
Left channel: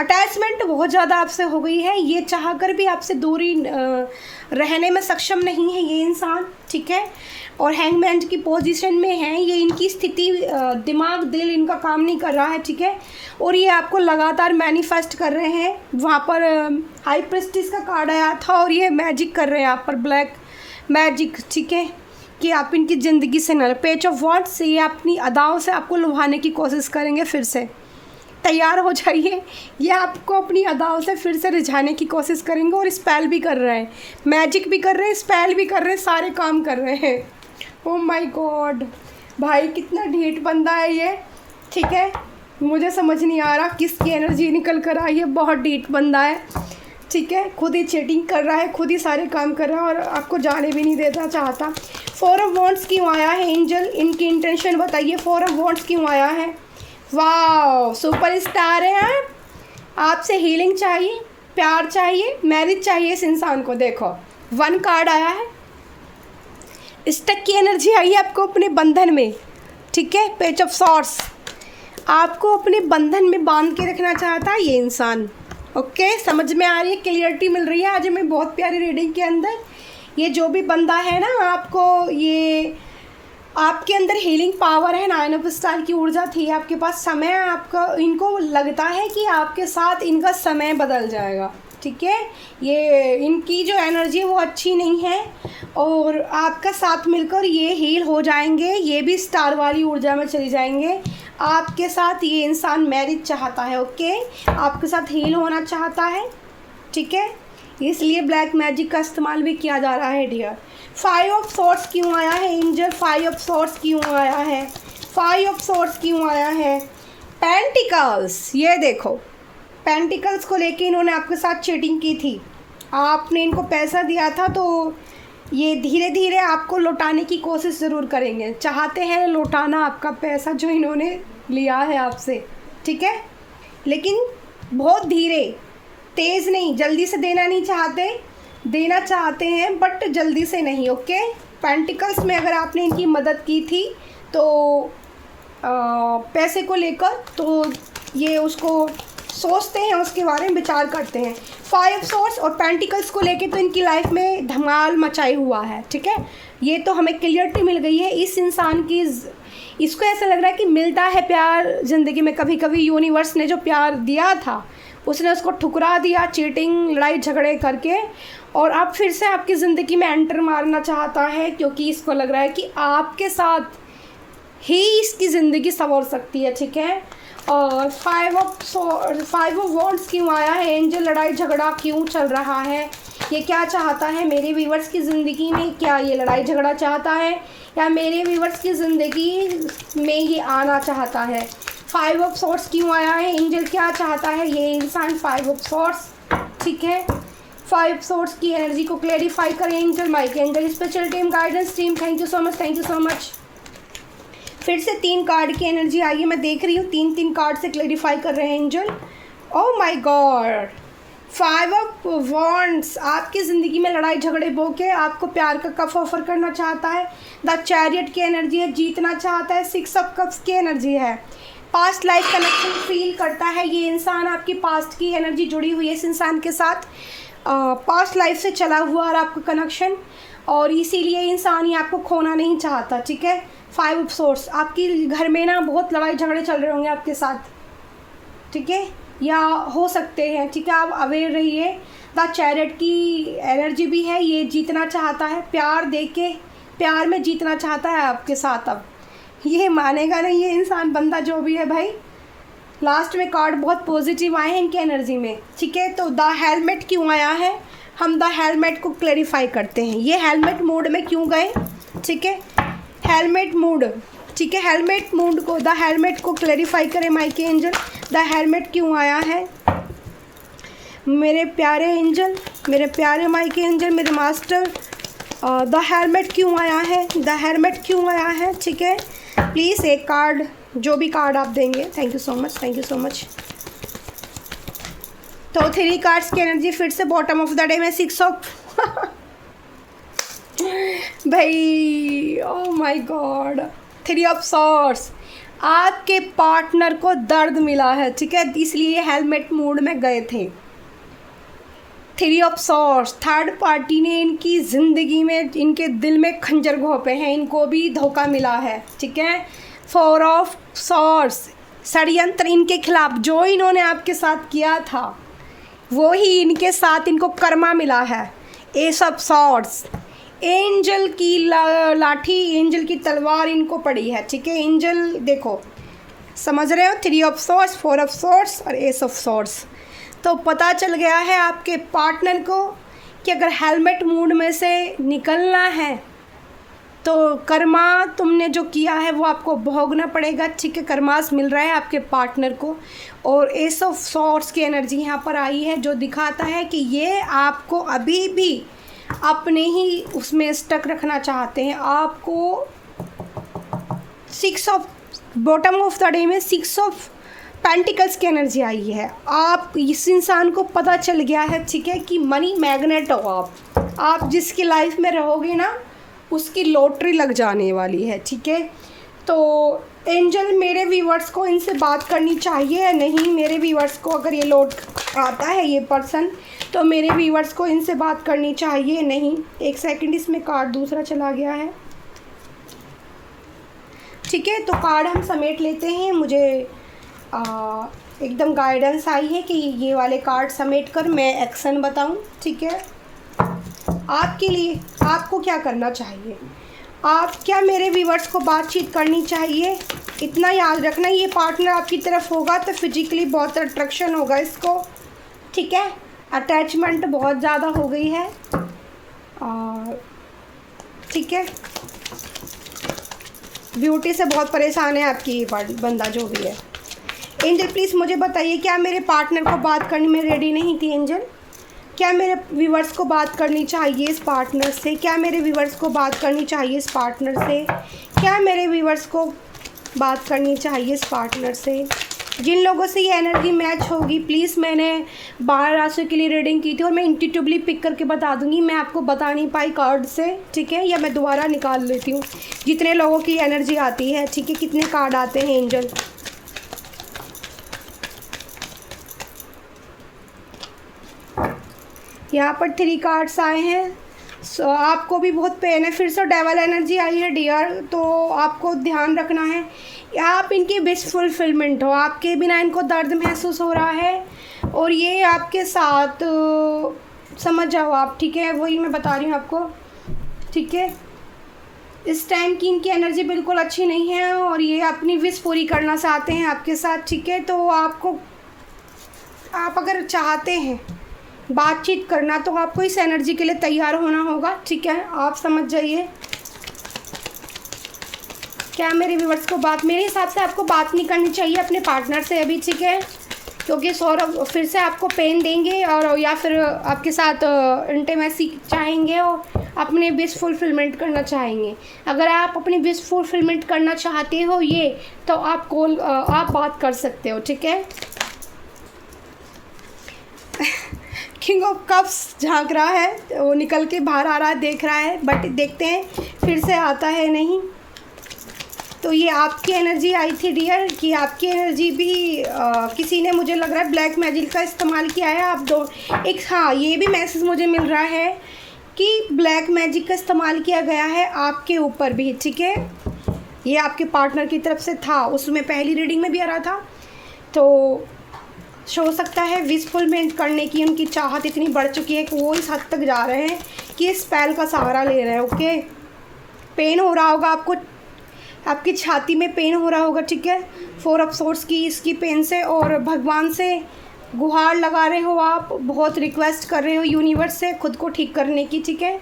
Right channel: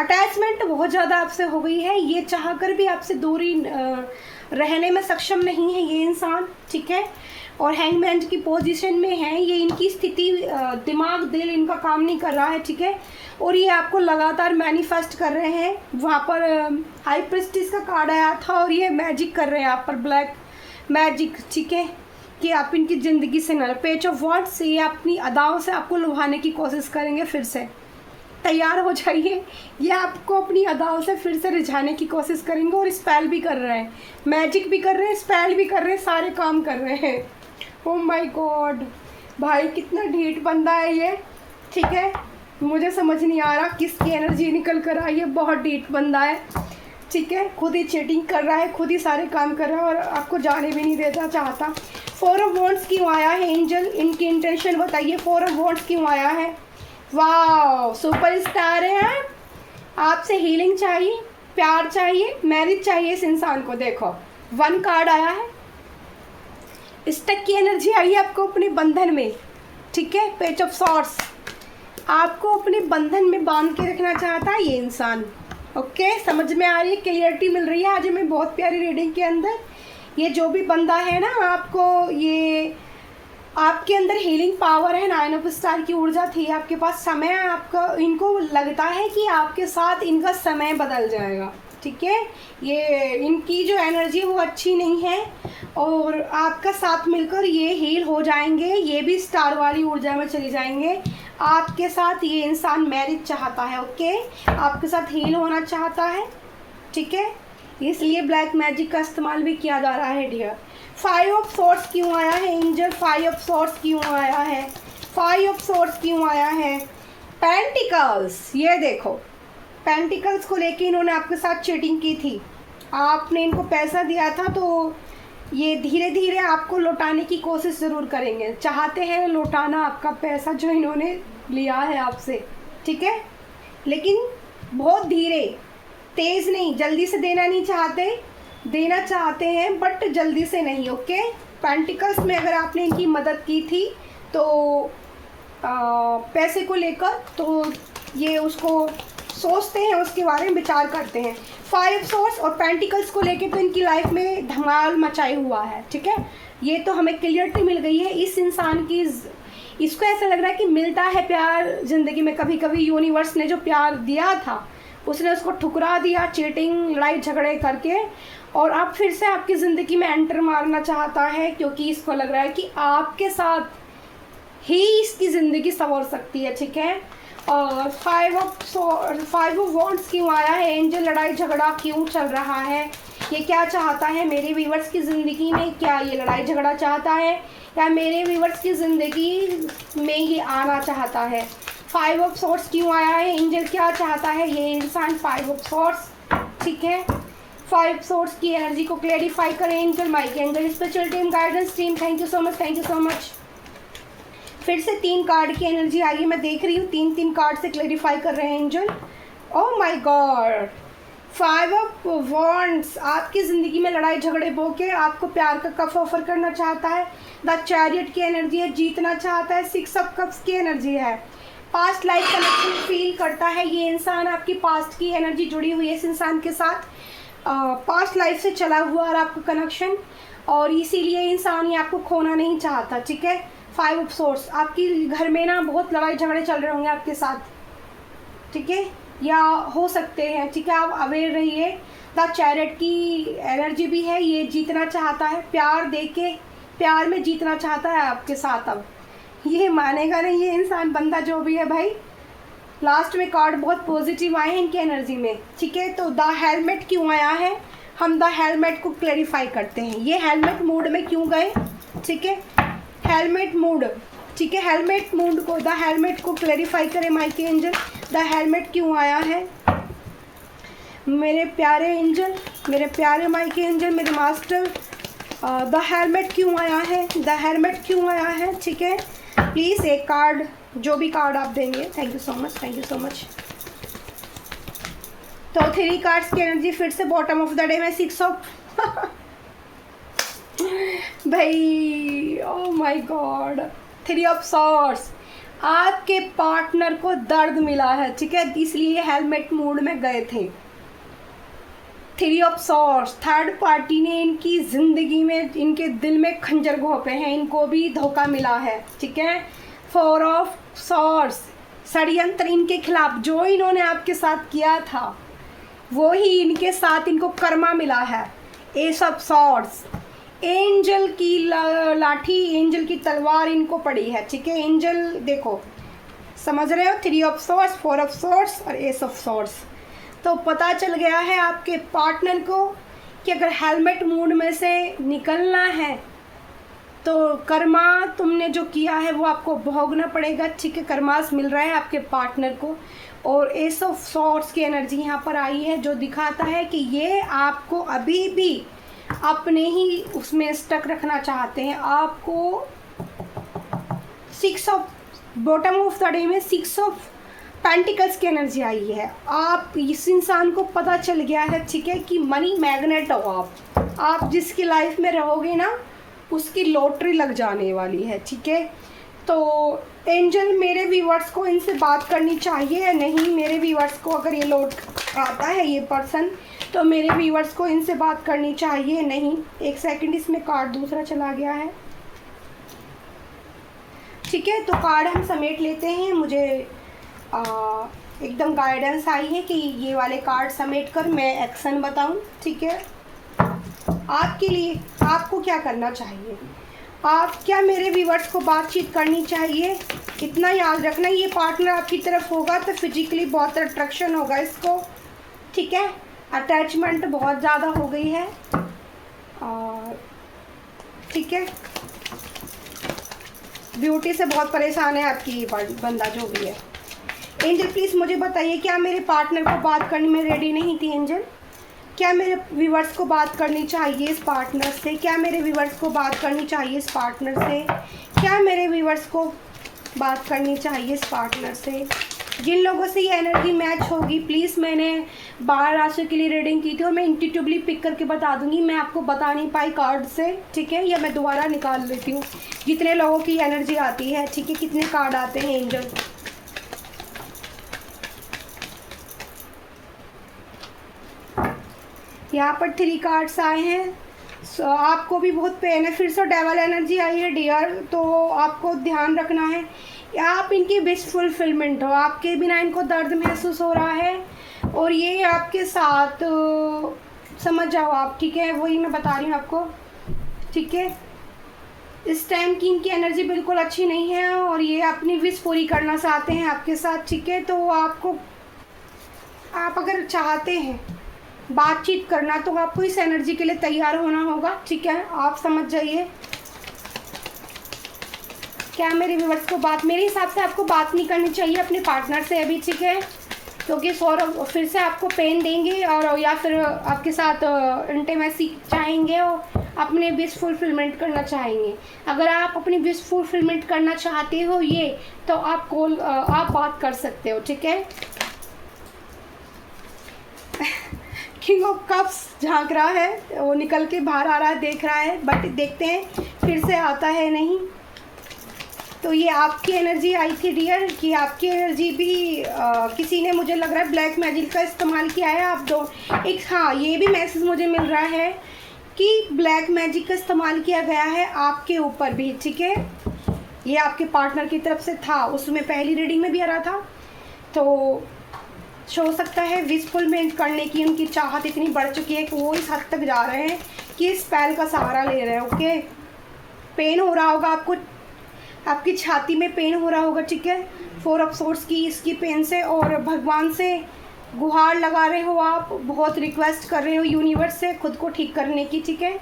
अटैचमेंट बहुत ज़्यादा आपसे हो गई है, ये चाहकर भी आपसे दूरी रहने में सक्षम नहीं है ये इंसान। ठीक है, और हैंगमैन की पोजीशन में है ये, इनकी स्थिति, दिमाग दिल इनका काम नहीं कर रहा है। ठीक है, और ये आपको लगातार मैनिफेस्ट कर रहे हैं। वहाँ पर हाई प्रेस्टिज का कार्ड आया था और ये मैजिक कर रहे हैं आप पर, ब्लैक मैजिक। ठीक है, कि आप इनकी ज़िंदगी से न, पेज ऑफ वॉन्ड्स से ये अपनी अदाओं से आपको लुभाने की कोशिश करेंगे। फिर से तैयार हो जाइए, ये आपको अपनी अदाओं से फिर से रिझाने की कोशिश करेंगे, और स्पेल भी कर रहे हैं, मैजिक भी कर रहे हैं, स्पेल भी कर रहे हैं, सारे काम कर रहे हैं। ओह माय गॉड, भाई कितना ढीठ बंदा है ये। ठीक है, मुझे समझ नहीं आ रहा किसकी एनर्जी निकल कर आई है, बहुत ढीठ बंदा है। ठीक है, खुद ही चीटिंग कर रहा है, खुद ही सारे काम कर रहा है, और आपको जाने भी नहीं देता चाहता। 4 ऑफ वॉन्ड्स क्यों आया है एंजल? इनकी इंटेंशन बताइए, 4 ऑफ वॉन्ड्स क्यों आया है? वाह, सुपर स्टार है आप, आपसे हीलिंग चाहिए, प्यार चाहिए, मैरिज चाहिए इस इंसान को। देखो 1 कार्ड आया है, स्टक की एनर्जी आई है आपको अपने बंधन में। ठीक है, पेज ऑफ सॉर्ड्स, आपको अपने बंधन में बांध के रखना चाहता है ये इंसान। ओके, समझ में आ रही है, क्लियरिटी मिल रही है आज हमें बहुत प्यारी रीडिंग के अंदर। ये जो भी बंदा है ना, आपको ये आपके अंदर हीलिंग पावर है, 9 ऑफ स्टार की ऊर्जा थी आपके पास। समय आपका, इनको लगता है कि आपके साथ इनका समय बदल जाएगा, ठीक है। ये इनकी जो एनर्जी है वो अच्छी नहीं है और आपका साथ मिलकर ये हील हो जाएंगे, ये भी स्टार वाली ऊर्जा में चले जाएंगे। आपके साथ ये इंसान मैरिज चाहता है, ओके, आपके साथ हील होना चाहता है, ठीक है। इसलिए ब्लैक मैजिक का इस्तेमाल भी किया जा रहा है डियर। 5 ऑफ सॉर्ड्स क्यों आया है एंजल? 5 ऑफ सॉर्ड्स क्यों आया है? 5 ऑफ सॉर्ड्स क्यों आया है? पेंटिकल्स, ये देखो, पेंटिकल्स को लेके इन्होंने आपके साथ चीटिंग की थी। आपने इनको पैसा दिया था तो ये धीरे धीरे आपको लौटाने की कोशिश ज़रूर करेंगे, चाहते हैं लौटाना आपका पैसा जो इन्होंने लिया है आपसे, ठीक है। लेकिन बहुत धीरे, तेज़ नहीं, जल्दी से देना नहीं चाहते, देना चाहते हैं बट जल्दी से नहीं, ओके। पेंटिकल्स में अगर आपने इनकी मदद की थी तो पैसे को लेकर, तो ये उसको सोचते हैं, उसके बारे में विचार करते हैं। 5 सोर्स और पेंटिकल्स को लेके तो इनकी लाइफ में धमाल मचाई हुआ है, ठीक है। ये तो हमें क्लियरिटी मिल गई है इस इंसान की। इसको ऐसा लग रहा है कि मिलता है प्यार ज़िंदगी में, कभी कभी यूनिवर्स ने जो प्यार दिया था उसने उसको ठुकरा दिया चीटिंग, लड़ाई झगड़े करके, और अब फिर से आपकी ज़िंदगी में एंटर मारना चाहता है क्योंकि इसको लग रहा है कि आपके साथ ही इसकी ज़िंदगी संवर सकती है, ठीक है। और 5 ऑफ वॉन्ड्स क्यों आया है एंजल? लड़ाई झगड़ा क्यों चल रहा है? ये क्या चाहता है मेरे व्यूअर्स की ज़िंदगी में? क्या ये लड़ाई झगड़ा चाहता है या मेरे व्यूअर्स की ज़िंदगी में ही आना चाहता है? 5 ऑफ सॉर्ड्स क्यों आया है एंजल? क्या चाहता है ये इंसान? 5 ऑफ सॉर्ड्स, ठीक है। 5 सॉर्ड्स की एनर्जी को क्लैरिफाई करें angel, Mike angel, special team, guidance team, thank you so much, thank you so much. फिर से 3 कार्ड की एनर्जी आई है, मैं देख रही हूँ 3 कार्ड से क्लैरिफाई कर रहे हैं angel. Oh my God, 5 of wands आपकी ज़िंदगी में लड़ाई झगड़े बो के आपको प्यार का कप ऑफर करना चाहता है। द चैरियट की एनर्जी है, जीतना चाहता है। 6 ऑफ कप्स की एनर्जी है, पास्ट लाइफ कनेक्शन फील करता है ये इंसान। आपकी पास्ट की एनर्जी जुड़ी हुई है इस इंसान के साथ, पास्ट लाइफ से चला हुआ और आपका कनेक्शन, और इसीलिए इंसान ही आपको खोना नहीं चाहता, ठीक है। 5 ऑफ सोर्स, आपकी घर में ना बहुत लड़ाई झगड़े चल रहे होंगे आपके साथ, ठीक है, या हो सकते हैं, ठीक है। आप अवेयर रहिए। द चैरियट की एनर्जी भी है, ये जीतना चाहता है, प्यार देके प्यार में जीतना चाहता है आपके साथ। अब ये मानेगा नहीं ये इंसान, बंदा जो भी है भाई। लास्ट में कार्ड बहुत पॉजिटिव आए हैं इनकी एनर्जी में, ठीक है। तो द हेलमेट क्यों आया है? हम द हेलमेट को क्लैरिफाई करते हैं। ये हेलमेट मोड में क्यों गए, ठीक है, हेलमेट मोड, ठीक है। हेलमेट मोड को, द हेलमेट को क्लैरिफाई करें माइके एंजल। द हेलमेट क्यों आया है मेरे प्यारे एंजल, मेरे प्यारे माइके एंजल, मेरे मास्टर? द हेलमेट क्यों आया है? द हेलमेट क्यों आया है, ठीक है। प्लीज़ एक कार्ड, जो भी कार्ड आप देंगे, thank you so much, thank you so much. तो 3 कार्ड्स की एनर्जी फिर से बॉटम ऑफ द डे में 6 ऑफ भाई, oh my God, 3 of swords. आपके पार्टनर को दर्द मिला है, ठीक है, इसलिए हेलमेट मोड में गए थे। 3 ऑफ सॉर्ड्स, थर्ड पार्टी ने इनकी ज़िंदगी में, इनके दिल में खंजर घोंपे हैं, इनको भी धोखा मिला है, ठीक है। 4 ऑफ सॉर्ड्स, षड्यंत्र इनके खिलाफ जो इन्होंने आपके साथ किया था वो ही इनके साथ इनको कर्मा मिला है। एस ऑफ सॉर्ड्स, एंजल की लाठी, एंजल की तलवार इनको पड़ी है, ठीक है। एंजल देखो, समझ रहे हो, 3 ऑफ सॉर्ड्स, 4 ऑफ सॉर्ड्स और एस ऑफ सॉर्ड्स। तो पता चल गया है आपके पार्टनर को कि अगर हेलमेट मूड में से निकलना है तो कर्मा तुमने जो किया है वो आपको भोगना पड़ेगा, ठीक है। कर्मास मिल रहा है आपके पार्टनर को। और एस ऑफ सॉर्ड्स की एनर्जी यहाँ पर आई है जो दिखाता है कि ये आपको अभी भी अपने ही उसमें स्टक रखना चाहते हैं। आपको 6 of bottom of the day में 6 ऑफ पेंटिकल्स की एनर्जी आई है। आप, इस इंसान को पता चल गया है, ठीक है, कि मनी मैग्नेट हो आप जिसकी लाइफ में रहोगे ना उसकी लॉटरी लग जाने वाली है, ठीक है। तो एंजल, मेरे व्यूअर्स को इनसे बात करनी चाहिए या नहीं? मेरे व्यूअर्स को अगर ये लौट आता है ये पर्सन, तो मेरे व्यूअर्स को इनसे बात करनी चाहिए नहीं? एक सेकंड, इसमें कार्ड दूसरा चला गया है। ठीक है, तो कार्ड हम समेट लेते हैं। मुझे एकदम गाइडेंस आई है कि ये वाले कार्ड समेट कर मैं एक्शन बताऊं। ठीक है, आपके लिए आपको क्या करना चाहिए, आप क्या मेरे व्यूवर्स को बातचीत करनी चाहिए। इतना याद रखना, ये पार्टनर आपकी तरफ होगा तो फिजिकली बहुत अट्रैक्शन होगा इसको। ठीक है, अटैचमेंट बहुत ज़्यादा हो गई है। ठीक है, ब्यूटी से बहुत परेशान है आपकी ये बंदा जो भी है। एंजल प्लीज़ मुझे बताइए, क्या मेरे पार्टनर को बात करने में रेडी नहीं थी एंजल? क्या मेरे व्यूवर्स को बात करनी चाहिए इस पार्टनर से? क्या मेरे व्यूवर्स को बात करनी चाहिए इस पार्टनर से? क्या मेरे व्यूवर्स को बात करनी चाहिए इस पार्टनर से? जिन लोगों से ये एनर्जी मैच होगी प्लीज़, मैंने 12 राशियों के लिए रीडिंग की थी और मैं इंट्यूटिवली पिक करके बता दूंगी, मैं आपको बता नहीं पाई कार्ड से। ठीक है, या मैं दोबारा निकाल लेती हूँ जितने लोगों की एनर्जी आती है। ठीक है, कितने कार्ड आते हैं एंजल? यहाँ पर 3 कार्ड्स आए हैं। आपको भी बहुत पेन है, फिर से डेवल एनर्जी आई है डियर, तो आपको ध्यान रखना है आप इनकी विश फुलफिलमेंट हो। आपके बिना इनको दर्द महसूस हो रहा है और ये आपके साथ समझ जाओ आप। ठीक है, वही मैं बता रही हूँ आपको। ठीक है, इस टाइम की इनकी एनर्जी बिल्कुल अच्छी नहीं है और ये अपनी विश पूरी करना चाहते हैं आपके साथ। ठीक है, तो आप अगर चाहते हैं बातचीत करना तो आपको इस एनर्जी के लिए तैयार होना होगा। ठीक है, आप समझ जाइए। क्या मेरे व्यूवर्स को मेरे हिसाब से आपको बात नहीं करनी चाहिए अपने पार्टनर से अभी। ठीक है, क्योंकि सौरभ फिर से आपको पेन देंगे और या फिर आपके साथ इंटीमेसी चाहेंगे और अपने विश फुलफिलमेंट करना चाहेंगे। अगर आप अपनी विश फुलफिलमेंट करना चाहते हो ये, तो आप बात कर सकते हो। ठीक है, किंग ऑफ कप्स झांक रहा है, वो निकल के बाहर आ रहा है, देख रहा है, बट देखते हैं फिर से आता है नहीं। तो ये आपकी एनर्जी आई थी डियर कि आपकी एनर्जी भी किसी ने, मुझे लग रहा है, ब्लैक मैजिक का इस्तेमाल किया है। आप दो एक, हाँ, ये भी मैसेज मुझे मिल रहा है कि ब्लैक मैजिक का इस्तेमाल किया गया है आपके ऊपर भी। ठीक है, ये आपके पार्टनर की तरफ से था, उसमें पहली रीडिंग में भी आ रहा था। तो हो सकता है विश फुलफिलमेंट करने की उनकी चाहत इतनी बढ़ चुकी है कि वो इस हद तक जा रहे हैं कि इस स्पेल का सहारा ले रहे हैं। ओके, पेन हो रहा होगा आपको, आपकी छाती में पेन हो रहा होगा। ठीक है, 4 ऑफ सोर्ड्स की इसकी पेन से, और भगवान से गुहार लगा रहे हो आप, बहुत रिक्वेस्ट कर रहे हो यूनिवर्स से खुद को ठीक करने की। ठीक है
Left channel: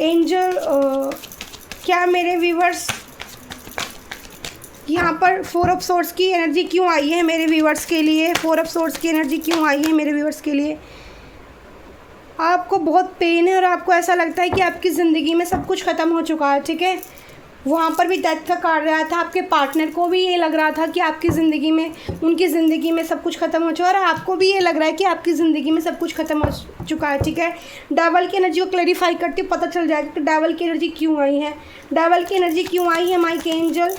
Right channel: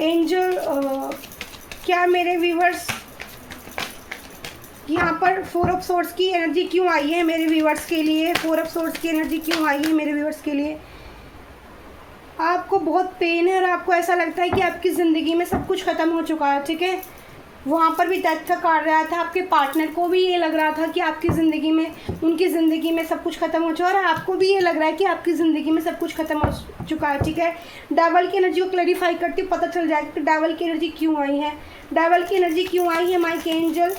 एंजल, क्या मेरे व्यूवर्स यहाँ पर 4 ऑफ सोर्ड्स की एनर्जी क्यों आई है मेरे व्यूवर्स के लिए? 4 ऑफ सोर्ड्स की एनर्जी क्यों आई है मेरे व्यूवर्स के लिए? आपको बहुत पेन है और आपको ऐसा लगता है कि आपकी ज़िंदगी में सब कुछ ख़त्म हो चुका है। ठीक है, वहाँ पर भी डेथ का कार्ड रहा था, आपके पार्टनर को भी ये लग रहा था कि आपकी ज़िंदगी में, उनकी ज़िंदगी में सब कुछ ख़त्म हो चुका है और आपको भी ये लग रहा है कि आपकी ज़िंदगी में सब कुछ ख़त्म हो चुका है। ठीक है, डेवल की एनर्जी को क्लैरिफाई करके पता चल जाएगा कि डेवल की एनर्जी क्यों आई है। डेवल की एनर्जी क्यों आई है माइक एंजल?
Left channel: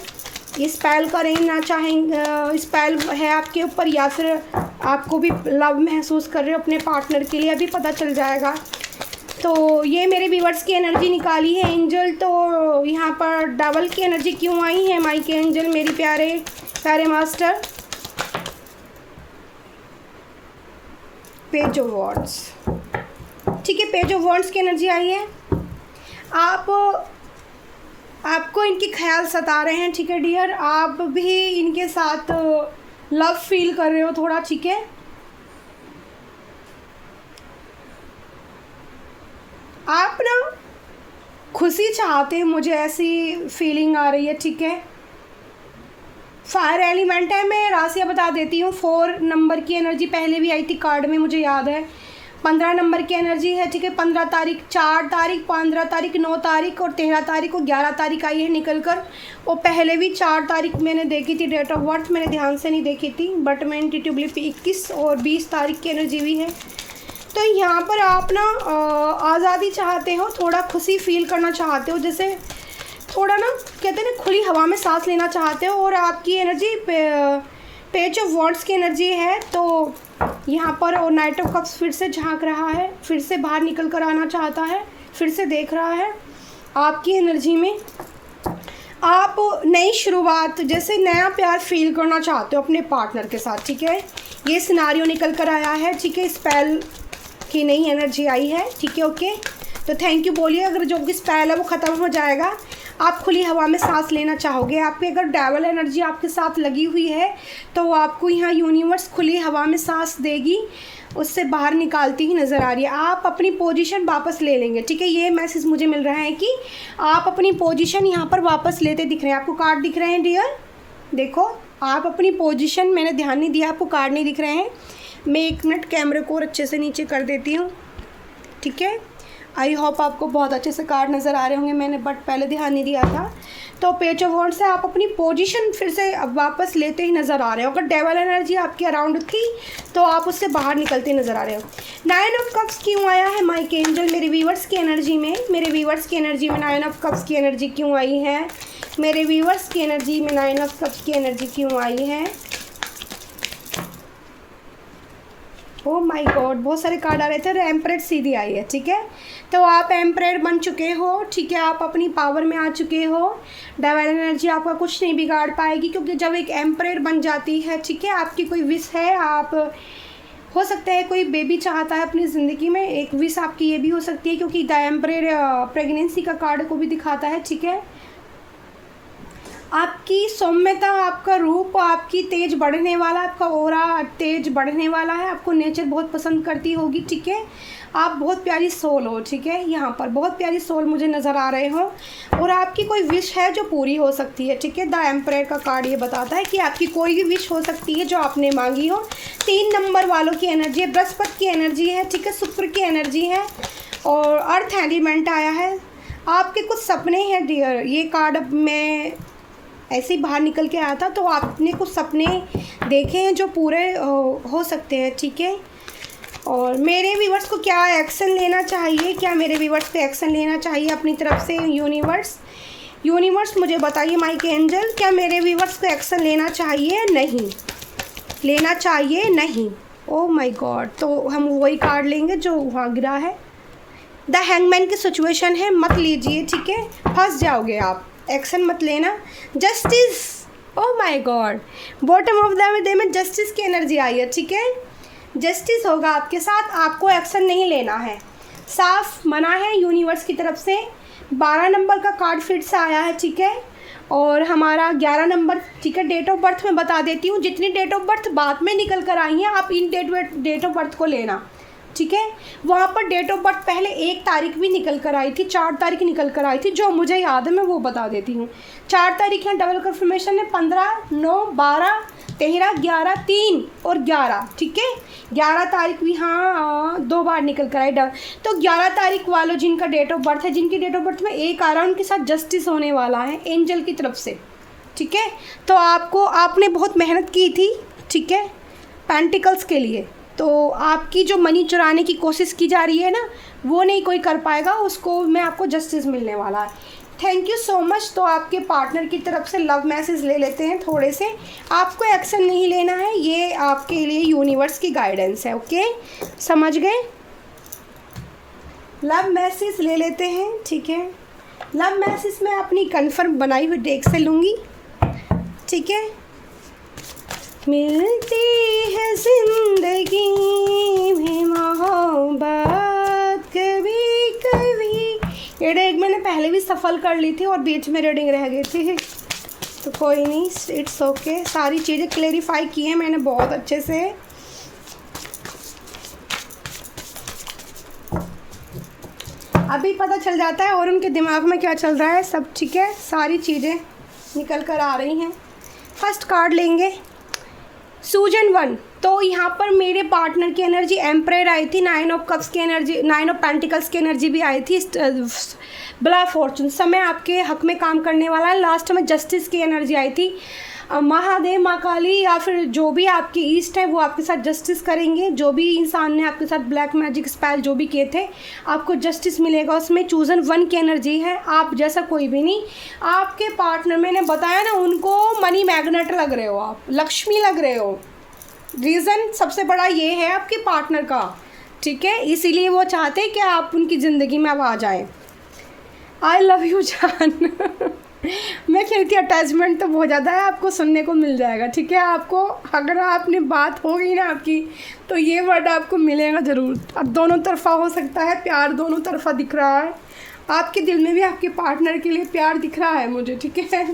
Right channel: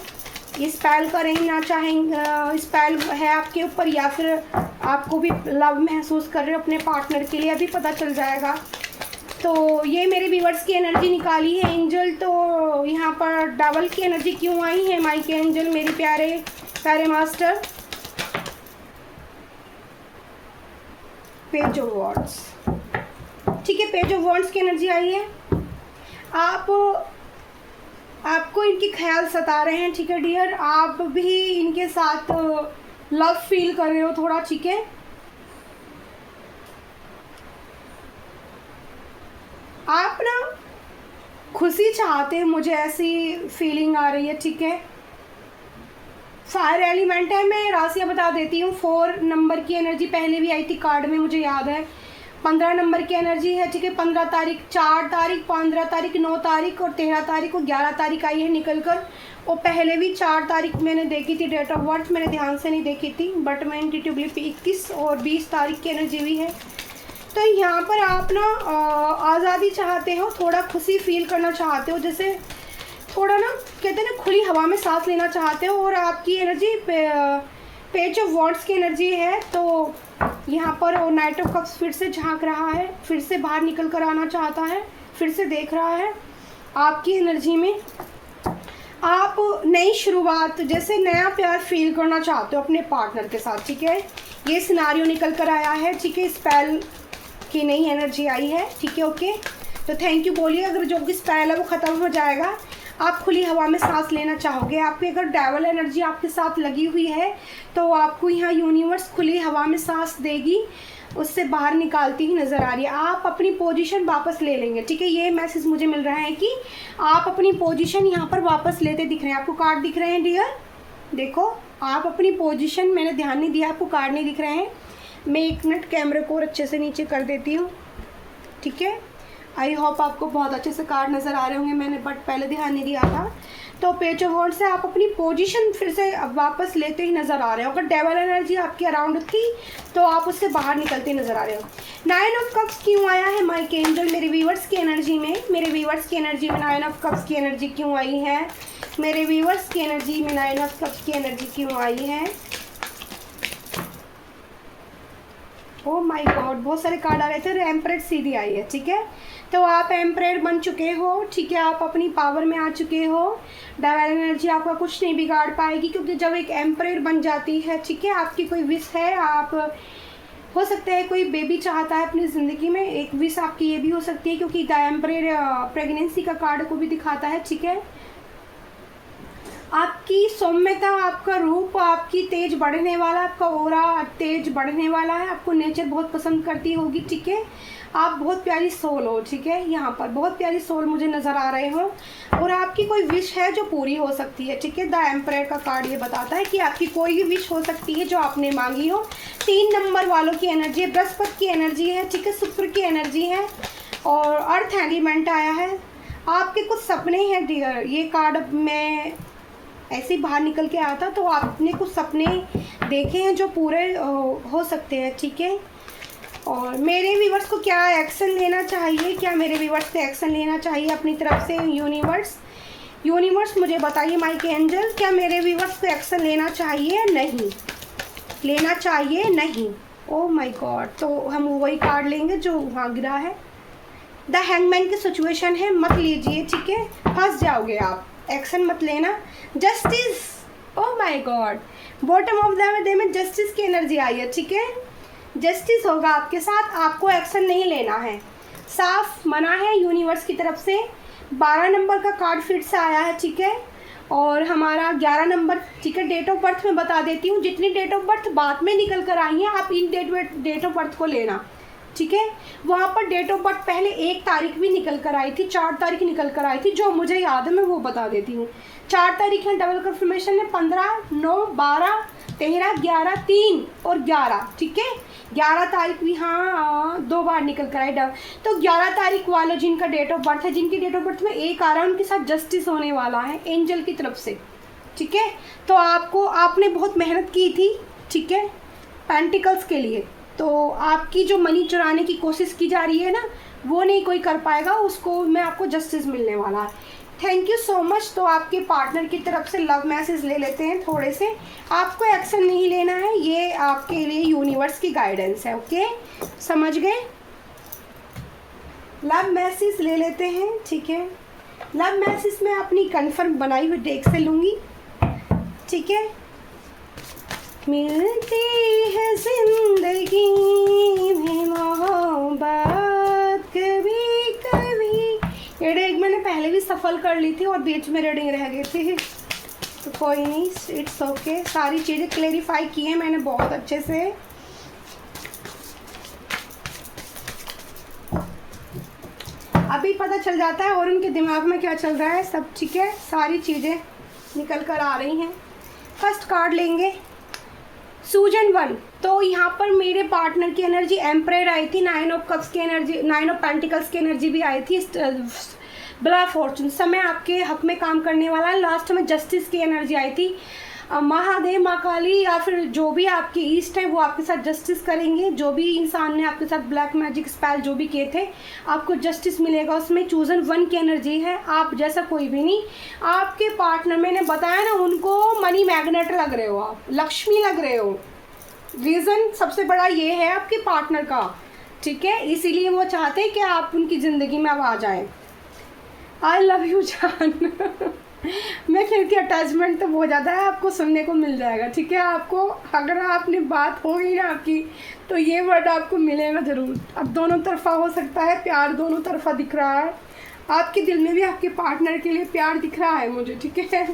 ये स्पेल करना चाहेंगे, स्पेल है आपके ऊपर, या फिर आपको भी लव महसूस कर रहे हो अपने पार्टनर के लिए, अभी पता चल जाएगा। तो ये मेरे व्यूवर्स की एनर्जी निकाली है एंजल। तो यहाँ पर डबल की एनर्जी क्यों आई है माइक एंजल मेरी प्यारे प्यारे मास्टर? Page of wands. ठीक है, पेज ऑफ वॉन्ड्स की एनर्जी आई है। आपको इनके ख्याल सता रहे हैं। ठीक है डियर, आप भी इनके साथ लव फील कर रहे हो थोड़ा। ठीक है, आप ना खुशी चाहते हैं, मुझे ऐसी फीलिंग आ रही है। ठीक है, फायर एलिमेंट है। मैं राशियाँ बता देती हूँ। 4 नंबर की एनर्जी पहले भी आई थी कार्ड में, मुझे याद है। 15 नंबर की एनर्जी है। ठीक है, 15 तारीख, 4 तारीख, 15 तारीख, 9 तारीख और 13 तारीख और 11 तारीख आई है निकल कर। और पहले भी 4 तारीख मैंने देखी थी डेट ऑफ बर्थ, मैंने ध्यान से नहीं देखी थी, बट मैं इंट्यूटिवली 21 और 20 तारीख की एनर्जी भी है। तो यहाँ पर आप ना आज़ादी चाहते हो, थोड़ा खुशी फील करना चाहते हो, जैसे थोड़ा ना कहते हैं ना खुली हवा में सांस लेना चाहते हो। और आपकी एनर्जी पेज ऑफ वॉन्ड्स की एनर्जी है। तो यहाँ पर वो नाइट ऑफ कप्स फिर से झांक रहा है, फिर से बाहर निकल कर आना चाहता है, फिर से देख रहा है। आपकी एनर्जी में आप नई शुरुआत, जैसे नया प्यार फील करना चाहते हो अपने पार्टनर के साथ, ठीक है। ये सिनारियो निकल कर आया है, ठीक है। स्पेल की नई एनर्जी आई है, ठीक है, ओके। तो थैंक यू बोलिए। अगर जो भी स्पेल है वो ख़त्म हो जाएगा, आप खुली हवा में सांस लेना चाहोगे। आपकी अगर डेविल एनर्जी आपके साथ लगी हुई है तो आपको यहाँ यूनिवर्स खुली हवा में सांस देगी, उससे बाहर निकालती ही नज़र आ रही है। आप अपनी पोजीशन वापस ले लेंगे, ठीक है। ये मैसेज मुझे मिल रहा है कि आप अपनी पोजीशन यहाँ पर वापस लेते दिख रहे हैं। आपको कार्ड दिख रहे हैं डियर, देखो आप अपनी पोजीशन, मैंने ध्यान नहीं दिया, आपको कार्ड नहीं दिख रहे हैं। मैं 1 मिनट कैमरे को और अच्छे से नीचे कर देती हूँ, ठीक है। आई होप आपको बहुत अच्छे से कार्ड नज़र आ रहे होंगे, मैंने बट पहले ध्यान नहीं दिया था। तो पेज ऑफ वॉन्ड्स से आप अपनी पोजीशन फिर से वापस लेते ही नज़र आ रहे हो। अगर डेविल एनर्जी आपके अराउंड थी तो आप उससे बाहर निकलते नज़र आ रहे हो। 9 ऑफ कप्स क्यों आया है माइक एंजल मेरे व्यूवर्स की एनर्जी में? मेरे व्यूवर्स की एनर्जी में 9 ऑफ कप्स की एनर्जी क्यों आई है? मेरे व्यूवर्स की एनर्जी में 9 ऑफ कप्स की एनर्जी क्यों आई है? ओह माय गॉड, बहुत सारे कार्ड आ रहे थे और एम्परेड सीधी आई है, ठीक है। तो आप एम्परेड बन चुके हो, ठीक है। आप अपनी पावर में आ चुके हो। डेविल एनर्जी आपका कुछ नहीं बिगाड़ पाएगी, क्योंकि जब एक एम्परेड बन जाती है, ठीक है, आपकी कोई विश है, आप हो सकता है कोई बेबी चाहता है अपनी ज़िंदगी में, एक विश आपकी ये भी हो सकती है, क्योंकि द एम्परेड प्रेगनेंसी का कार्ड को भी दिखाता है, ठीक है। आपकी सौम्यता, आपका रूप, आपकी तेज बढ़ने वाला, आपका ओरा तेज बढ़ने वाला है। आपको नेचर बहुत पसंद करती होगी, ठीक है। आप बहुत प्यारी सोल हो, ठीक है। यहाँ पर बहुत प्यारी सोल मुझे नज़र आ रहे हो, और आपकी कोई विश है जो पूरी हो सकती है, ठीक है। द एम्परर का कार्ड ये बताता है कि आपकी कोई भी विश हो सकती है जो आपने मांगी हो। 3 नंबर वालों की एनर्जी है, बृहस्पति की एनर्जी है, ठीक है, शुक्र की एनर्जी है, और अर्थ एलिमेंट आया है। आपके कुछ सपने हैं डियर। ये कार्ड मैं ऐसे ही बाहर निकल के आया था, तो आपने कुछ सपने देखे हैं जो पूरे हो सकते हैं, ठीक है। और मेरे व्यूवर्स को क्या एक्शन लेना चाहिए, क्या मेरे व्यूवर्स पे एक्शन लेना चाहिए अपनी तरफ से? यूनिवर्स मुझे बताइए माइक एंजल, क्या मेरे व्यूवर्स पे एक्शन लेना चाहिए? नहीं लेना चाहिए, नहीं। ओह माय गॉड, तो हम वही कार्ड लेंगे जो वहाँ गिरा है। द हैंगमैन की सिचुएशन है, मत लीजिए, ठीक है, फंस जाओगे आप, एक्शन मत लेना। Justice, oh my God, bottom of the day में जस्टिस की एनर्जी आई है, ठीक है। जस्टिस होगा आपके साथ, आपको एक्शन नहीं लेना है, साफ मना है यूनिवर्स की तरफ से। 12 नंबर का कार्ड फिर से आया है, ठीक है, और हमारा 11 नंबर, ठीक है। डेट ऑफ बर्थ मैं बता देती हूँ, जितनी डेट ऑफ बर्थ बाद में निकल कर आई हैं आप इन डेट ऑफ बर्थ को लेना, ठीक है। वहाँ पर डेट ऑफ बर्थ पहले 1 तारीख भी निकल कर आई थी, 4 तारीख निकल कर आई थी, जो मुझे याद है मैं वो बता देती हूँ। 4 तारीख यहाँ डबल कन्फर्मेशन है, 15, 9, 12, 13, 11, 3 और 11, ठीक है। 11 तारीख भी हाँ 2 बार निकल कर आई डबल। तो 11 तारीख वालों जिनका डेट ऑफ बर्थ है, जिनकी डेट ऑफ बर्थ में 1 आ रहा है, उनके साथ जस्टिस होने वाला है एंजल की तरफ से, ठीक है। तो आपने बहुत मेहनत की थी, ठीक है, पेंटिकल्स के लिए। तो आपकी जो मनी चुराने की कोशिश की जा रही है ना, वो नहीं कोई कर पाएगा, उसको मैं आपको जस्टिस मिलने वाला है। Thank you so much. तो आपके पार्टनर की तरफ से लव मैसेज ले लेते हैं थोड़े से। आपको एक्शन नहीं लेना है, ये आपके लिए यूनिवर्स की गाइडेंस है, ओके, समझ गए। लव मैसेज ले लेते हैं, ठीक है। लव मैसेज मैं अपनी कन्फर्म बनाई हुई डेक से लूँगी, ठीक है। मिलती है जिंदगी में मोहब्बत कभी कभी। ये डेक मैंने पहले भी सफल कर ली थी और बीच में रीडिंग रह गई थी, तो कोई नहीं, इट्स ओके। सारी चीज़ें क्लेरिफाई की है मैंने बहुत अच्छे से। अभी पता चल जाता है और उनके दिमाग में क्या चल रहा है, सब ठीक है, सारी चीज़ें निकल कर आ रही हैं। फर्स्ट कार्ड लेंगे सूजन 1। तो यहाँ पर मेरे पार्टनर की एनर्जी एम्परेड आई थी, 9 ऑफ कप्स की एनर्जी, 9 ऑफ पेंटिकल्स की एनर्जी भी आई थी। बला फॉर्चून, समय आपके हक में काम करने वाला है। लास्ट में जस्टिस की एनर्जी आई थी। महादेव, माँ काली या फिर जो भी आपके ईस्ट है वो आपके साथ जस्टिस करेंगे। जो भी इंसान ने आपके साथ ब्लैक मैजिक स्पेल जो भी किए थे, आपको जस्टिस मिलेगा उसमें। चूजन 1 की एनर्जी है, आप जैसा कोई भी नहीं। आपके पार्टनर, मैंने बताया ना, उनको मनी मैग्नेट लग रहे हो आप, लक्ष्मी लग रहे हो। रीज़न सबसे बड़ा ये है आपके पार्टनर का, ठीक है, इसीलिए वो चाहते हैं कि आप उनकी ज़िंदगी में अब आ जाएं। आई लव यू जान। मैं खेलती अटैचमेंट तो बहुत ज़्यादा है, आपको सुनने को मिल जाएगा, ठीक है। आपको अगर आपने बात होगी ना आपकी, तो ये वर्ड आपको मिलेगा ज़रूर। अब दोनों तरफा हो सकता है प्यार, दोनों तरफा दिख रहा है, आपके दिल में भी आपके पार्टनर के लिए प्यार दिख रहा है मुझे, ठीक है।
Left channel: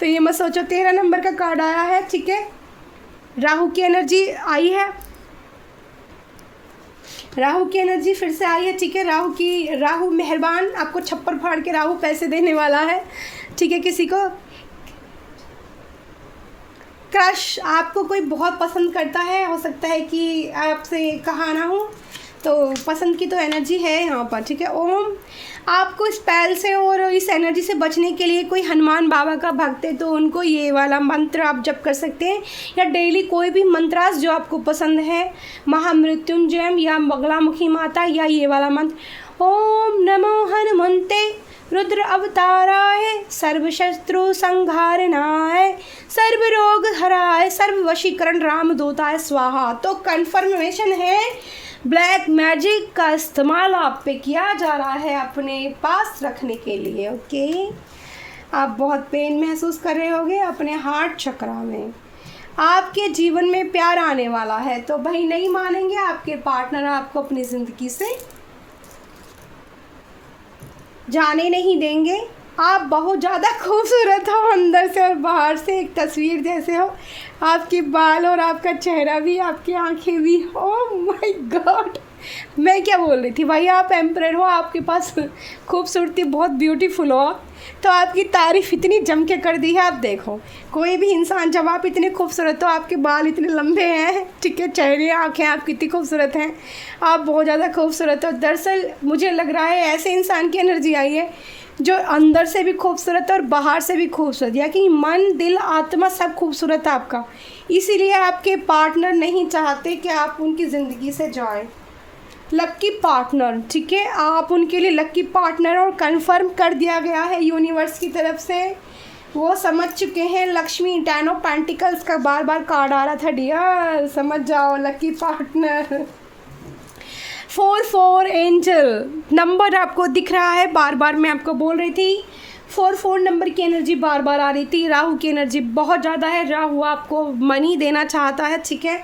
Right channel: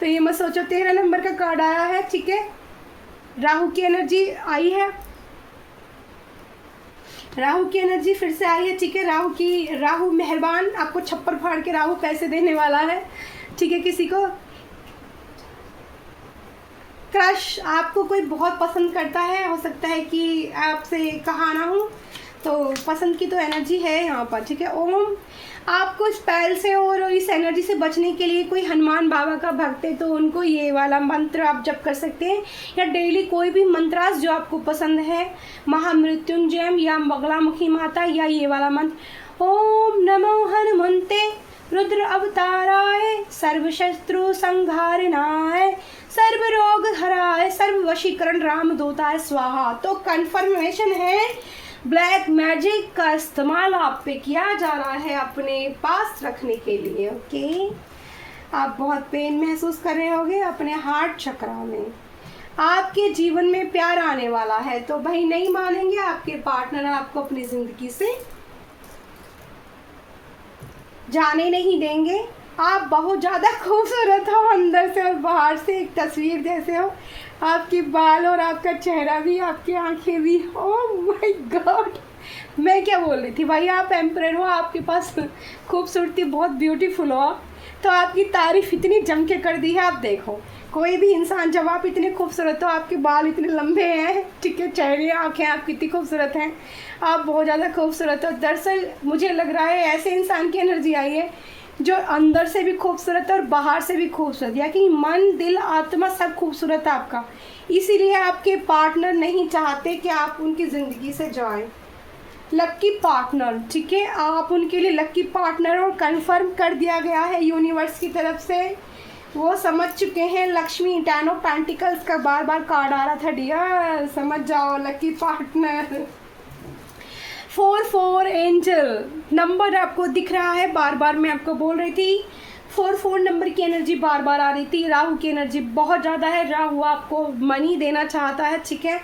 तो ये मत सोचो। 13 नंबर का कार्ड आया है, ठीक है। राहु की एनर्जी आई है, राहु की एनर्जी फिर से आई है, ठीक है। राहु मेहरबान, आपको छप्पर फाड़ के राहु पैसे देने वाला है, ठीक है। किसी को क्रश, आपको कोई बहुत पसंद करता है, हो सकता है कि आपसे कहा ना हो, तो पसंद की तो एनर्जी है यहाँ पर, ठीक है। ओम, आपको स्पेल से और इस एनर्जी से बचने के लिए कोई हनुमान बाबा का भक्त है तो उनको ये वाला मंत्र आप जप कर सकते हैं, या डेली कोई भी मंत्रास जो आपको पसंद है, महामृत्युंजय या बगलामुखी माता, या ये वाला मंत्र, ओम नमो हनुमंते रुद्र अवताराय सर्वशत्रु संहारनाय सर्व रोग हराय सर्व वशीकरण रामदूताय स्वाहा। तो कन्फर्मेशन है, ब्लैक मैजिक का इस्तेमाल आप पे किया जा रहा है अपने पास रखने के लिए, ओके। आप बहुत पेन महसूस कर रहे होंगे अपने हार्ट चक्रा में। आपके जीवन में प्यार आने वाला है, तो भाई नहीं मानेंगे आपके पार्टनर आपको अपनी ज़िंदगी से जाने नहीं देंगे। आप बहुत ज़्यादा खूबसूरत हो, अंदर से और बाहर से एक तस्वीर जैसे हो। आपकी बाल और आपका चेहरा भी, आपकी आंखें भी, ओह माय गॉड, मैं क्या बोल रही थी भाई। आप एम्परर हो, आपके पास खूबसूरती बहुत ब्यूटीफुल हो, तो आपकी तारीफ़ इतनी जम के कर दी है। आप देखो कोई भी इंसान, जब आप इतने खूबसूरत हो, आपके बाल इतने लंबे हैं, ठीक है, चेहरे आँखें आपकी इतनी खूबसूरत हैं, आप बहुत ज़्यादा खूबसूरत हो। दरअसल मुझे लग रहा है ऐसे इंसान की एनर्जी आई है जो अंदर से भी खूबसूरत है और बाहर से भी खूबसूरत, या कि मन दिल आत्मा सब खूबसूरत है आपका। इसीलिए आपके पार्टनर नहीं चाहते कि आप उनकी ज़िंदगी से जाएं। लक्की पार्टनर, ठीक है, आप उनके लिए लक्की पार्टनर, और कंफर्म कर दिया गया है यूनिवर्स की तरफ से। वो समझ चुके हैं। लक्ष्मी 10 ऑफ पेंटिकल्स का बार बार कार्ड आ रहा था, डियर समझ जाओ, लक्की पार्टनर। 4 एंजल नंबर आपको दिख रहा है, बार बार मैं आपको बोल रही थी 4 नंबर की एनर्जी बार बार आ रही थी। राहु की एनर्जी बहुत ज़्यादा है, राहु आपको मनी देना चाहता है, ठीक है।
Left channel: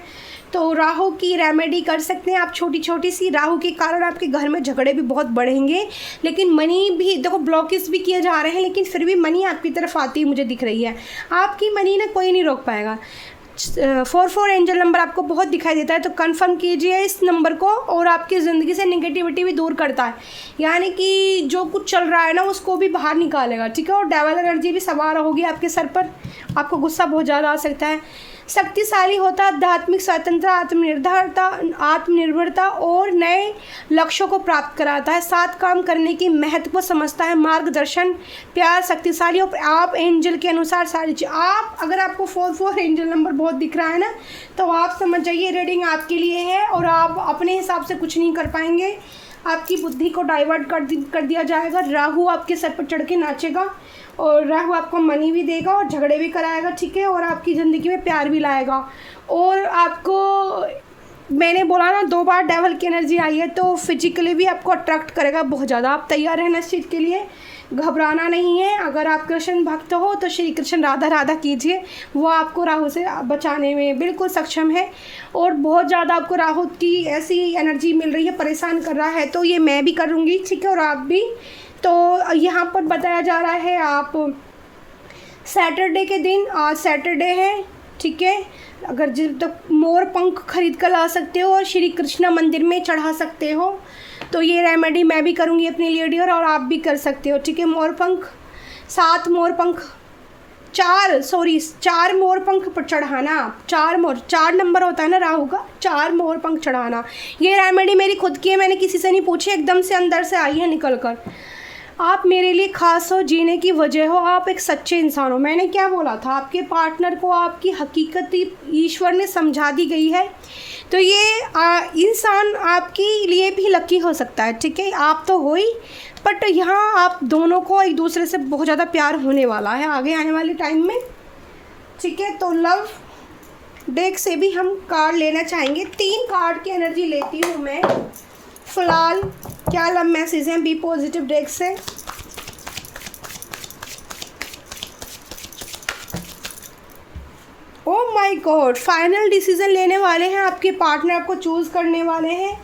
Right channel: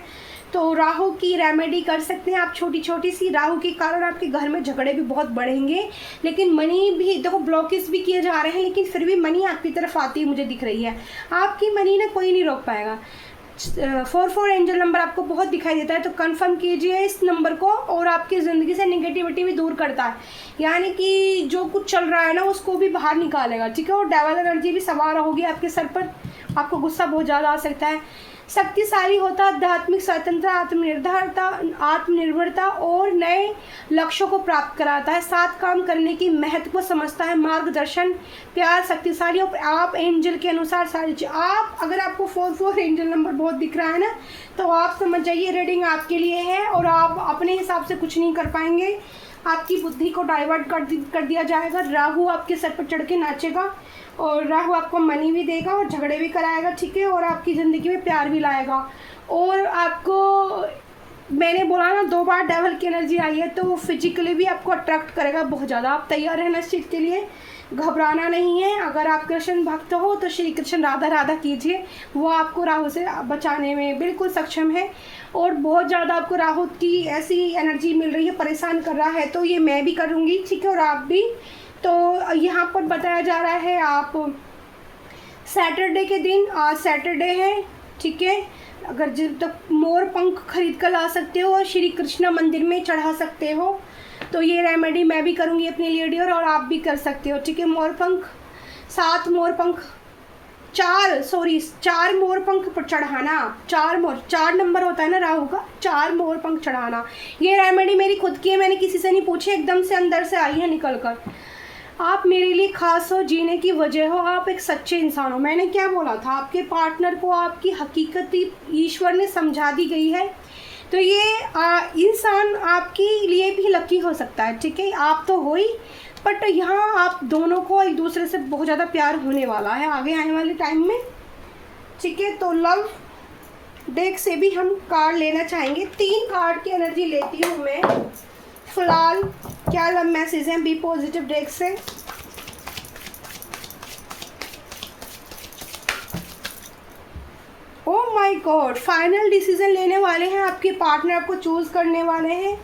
तो राहु की रेमेडी कर सकते हैं आप, छोटी छोटी सी। राहु के कारण आपके घर में झगड़े भी बहुत बढ़ेंगे, लेकिन मनी भी देखो ब्लॉकेज भी किए जा रहे हैं, लेकिन फिर भी मनी आपकी तरफ आती है मुझे दिख रही है। आपकी मनी ना कोई नहीं रोक पाएगा। 4 एंजल नंबर आपको बहुत दिखाई देता है, तो कंफर्म कीजिए इस नंबर को, और आपकी ज़िंदगी से नेगेटिविटी भी दूर करता है, यानी कि जो कुछ चल रहा है ना उसको भी बाहर निकालेगा, ठीक है। और डेवल एनर्जी भी सवार होगी आपके सर पर, आपको गुस्सा बहुत ज़्यादा आ सकता है। शक्तिशाली होता, आध्यात्मिक स्वतंत्रता, आत्मनिर्भरता और नए लक्ष्यों को प्राप्त कराता है। साथ काम करने की महत्व को समझता है, मार्गदर्शन, प्यार, शक्तिशाली। और आप एंजल के अनुसार सारी चीज़, आप अगर आपको 4 एंजल नंबर बहुत दिख रहा है ना, तो आप समझ जाइए रीडिंग आपके लिए है, और आप अपने हिसाब से कुछ नहीं कर पाएंगे। आपकी बुद्धि को डाइवर्ट कर दिया जाएगा। राहु आपके सर पर चढ़ के नाचेगा, और राहु आपको मनी भी देगा और झगड़े भी कराएगा, ठीक है, और आपकी ज़िंदगी में प्यार भी लाएगा। और आपको मैंने बोला ना 2 बार डेवल की एनर्जी आई है, तो फिजिकली भी आपको अट्रैक्ट करेगा बहुत ज़्यादा। आप तैयार रहना इस चीज़ के लिए, घबराना नहीं है। अगर आप कृष्ण भक्त हो तो श्री कृष्ण राधा राधा कीजिए, वो आपको राहु से बचाने में बिल्कुल सक्षम है। और बहुत ज़्यादा आपको राहु की ऐसी एनर्जी मिल रही है, परेशान कर रहा है, तो ये मैं भी करूँगी, ठीक है, और आप भी। तो यहाँ पर बताया जा रहा है आप सैटरडे के दिन, आज सैटरडे है, ठीक है, अगर जब तक मोर पंख खरीद कर ला सकते हो और श्री कृष्णा मंदिर में चढ़ा सकते हो, तो ये रेमेडी मैं भी करूँगी अपने लिए डियर, और आप भी कर सकते हो, ठीक है। मोर पंख 7 मोर पंख 4 मोर पंख पर चढ़ाना, 4 नंबर होता है ना राहु का, 4 मोर पंख चढ़ाना। ये रेमेडी मेरी खुद की है, मैंने किसी से नहीं पूछी, एकदम से अंदर से आई है निकल कर। आप मेरे लिए खास हो, जीने की वजह हो, आप एक सच्चे इंसान हो। मैंने क्या बोला था, आपके पार्टनर को आपकी हकीकत ईश्वर ने समझा दी गई है, तो ये इंसान आपके लिए भी लकी हो सकता है, ठीक है। आप तो हो ही, बट यहाँ आप दोनों को एक दूसरे से बहुत ज़्यादा प्यार होने वाला है आगे आने वाले टाइम में, ठीक है। तो लव डेक से भी हम कार्ड लेना चाहेंगे। 3 कार्ड की एनर्जी लेती हूँ मैं फिलहाल। क्या लव मैसेज हैं बी पॉजिटिव डेक से? माय गॉड, फाइनल डिसीजन लेने वाले हैं, आपके पार्टनर आपको चूज़ करने वाले हैं।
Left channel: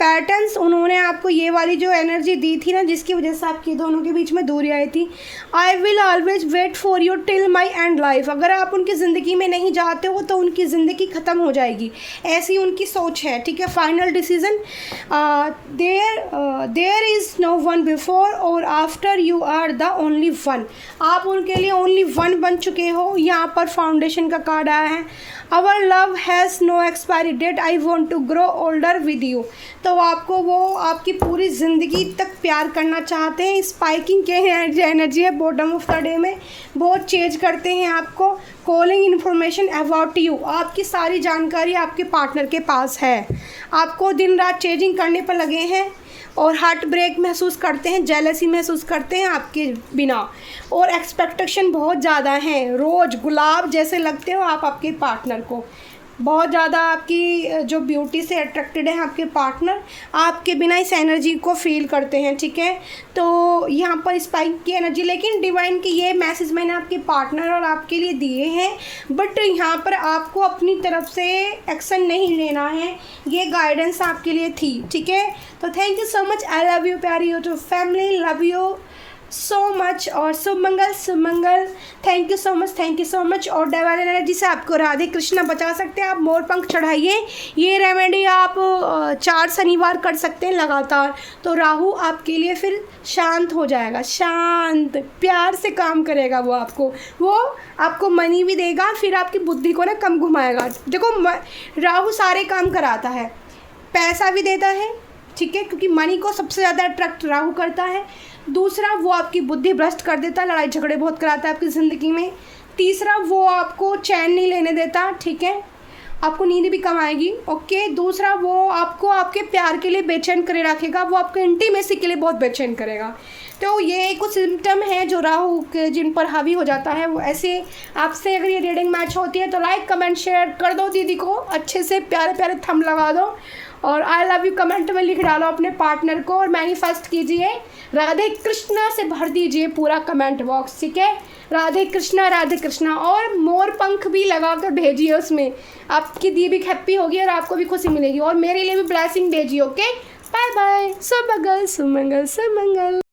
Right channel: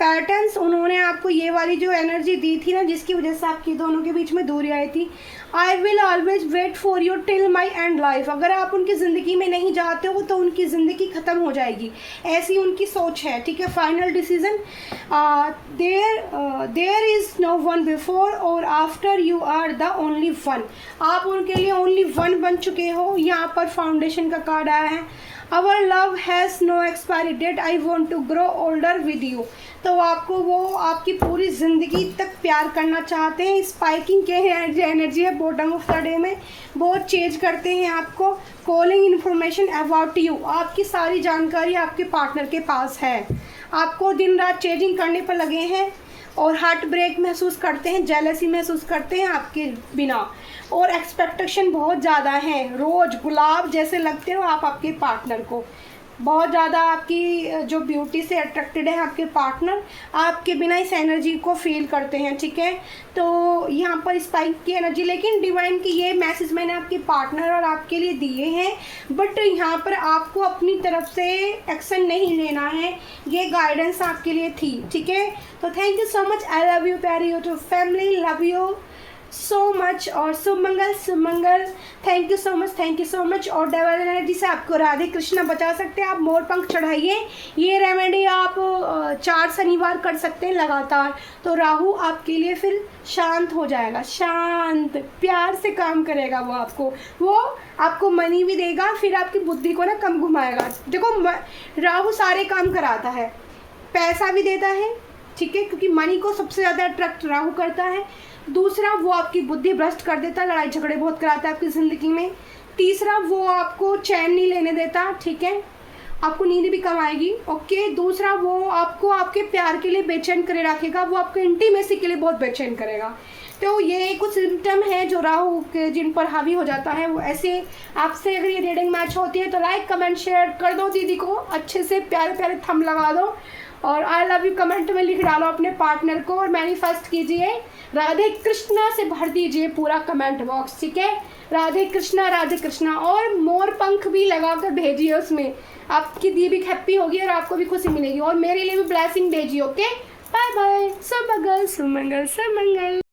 पैटर्न्स उन्होंने आपको ये वाली जो एनर्जी दी थी ना, जिसकी वजह से आपकी दोनों के बीच में दूरी आई थी, I will always wait for you till my end life. अगर आप उनकी ज़िंदगी में नहीं जाते हो तो उनकी ज़िंदगी ख़त्म हो जाएगी, ऐसी उनकी सोच है। ठीक है, final decision, there is no one before और after, you are the only one. आप उनके लिए ओनली वन बन चुके हो। यहाँ पर फाउंडेशन का कार्ड आया है, our love has no expiry date, I want to grow older with you. तो आपको वो आपकी पूरी ज़िंदगी तक प्यार करना चाहते हैं। स्पाइकिंग के एनर्जी है बॉटम ऑफ द डे में, बहुत चेंज करते हैं आपको। कॉलिंग इन्फॉर्मेशन अबाउट यू, आपकी सारी जानकारी आपके पार्टनर के पास है। आपको दिन रात चेंजिंग करने पर लगे हैं और हार्ट ब्रेक महसूस करते हैं, जेलसी महसूस करते हैं आपके बिना, और एक्सपेक्टेशन बहुत ज़्यादा है। रोज़ गुलाब जैसे लगते हो आप आपके पार्टनर को, बहुत ज़्यादा आपकी जो ब्यूटी से अट्रैक्टेड है आपके पार्टनर, आपके बिना इस एनर्जी को फील करते हैं। ठीक है, तो यहाँ पर स्पाइक की एनर्जी, लेकिन डिवाइन की ये मैसेज मैंने आपके पार्टनर और आपके लिए दिए हैं, बट यहाँ पर आपको अपनी तरफ से एक्शन नहीं लेना है, ये गाइडेंस आपके लिए थी। ठीक है, तो thank you so much, I love you प्यारी YouTube family, love you so much. और शुभ मंगल, शुभ मंगल, thank you so much, thank you so much. और डिवाइन एनर्जी से आपको राधे कृष्णा बचा सकते हैं। आप मोर पंख चढ़ाइए, ये रेमेडी आप 4 शनिवार कर सकते हैं लगातार, तो राहु आपके लिए फिर शांत हो जाएगा, शांत प्यार से काम करेगा। वो आपको मनी भी देगा, फिर आपकी बुद्धि को ना कम घुमाएगा। देखो राहु सारे काम कराता है, पैसा भी देता है, ठीक है, क्योंकि मनी को सबसे ज़्यादा अट्रैक्ट राहु करता है। दूसरा, वो आपकी बुद्धि भ्रष्ट कर देता है, लड़ाई झगड़े बहुत कराता है आपकी ज़िंदगी में। तीसरा, वो आपको चैन नहीं लेने देता, ठीक है, आपको नींद भी कम आएगी। ओके, दूसरा, वो आपको आपके प्यार के लिए बेचैन करे रखेगा, वो आपको इंटीमेसी के लिए बहुत बेचैन करेगा। तो ये कुछ सिम्टम हैं जो राहु के जिन पर हावी हो जाता है। वो ऐसे आपसे अगर ये रीडिंग मैच होती है तो लाइक कमेंट शेयर कर दो दीदी को, अच्छे से प्यारे प्यारे थंब लगा दो, और आई लव यू कमेंट में लिख डालो अपने पार्टनर को, और मैनिफेस्ट कीजिए, राधे कृष्णा से भर दीजिए पूरा कमेंट बॉक्स। ठीक है, राधे कृष्णा, और मोर पंख भी लगा कर भेजिए, उसमें आपकी दी भी हैप्पी होगी और आपको भी खुशी मिलेगी, और मेरे लिए भी ब्लेसिंग भेजिए। ओके, बाय बाय, शुभ मंगल, शुभ मंगल, शुभ मंगल।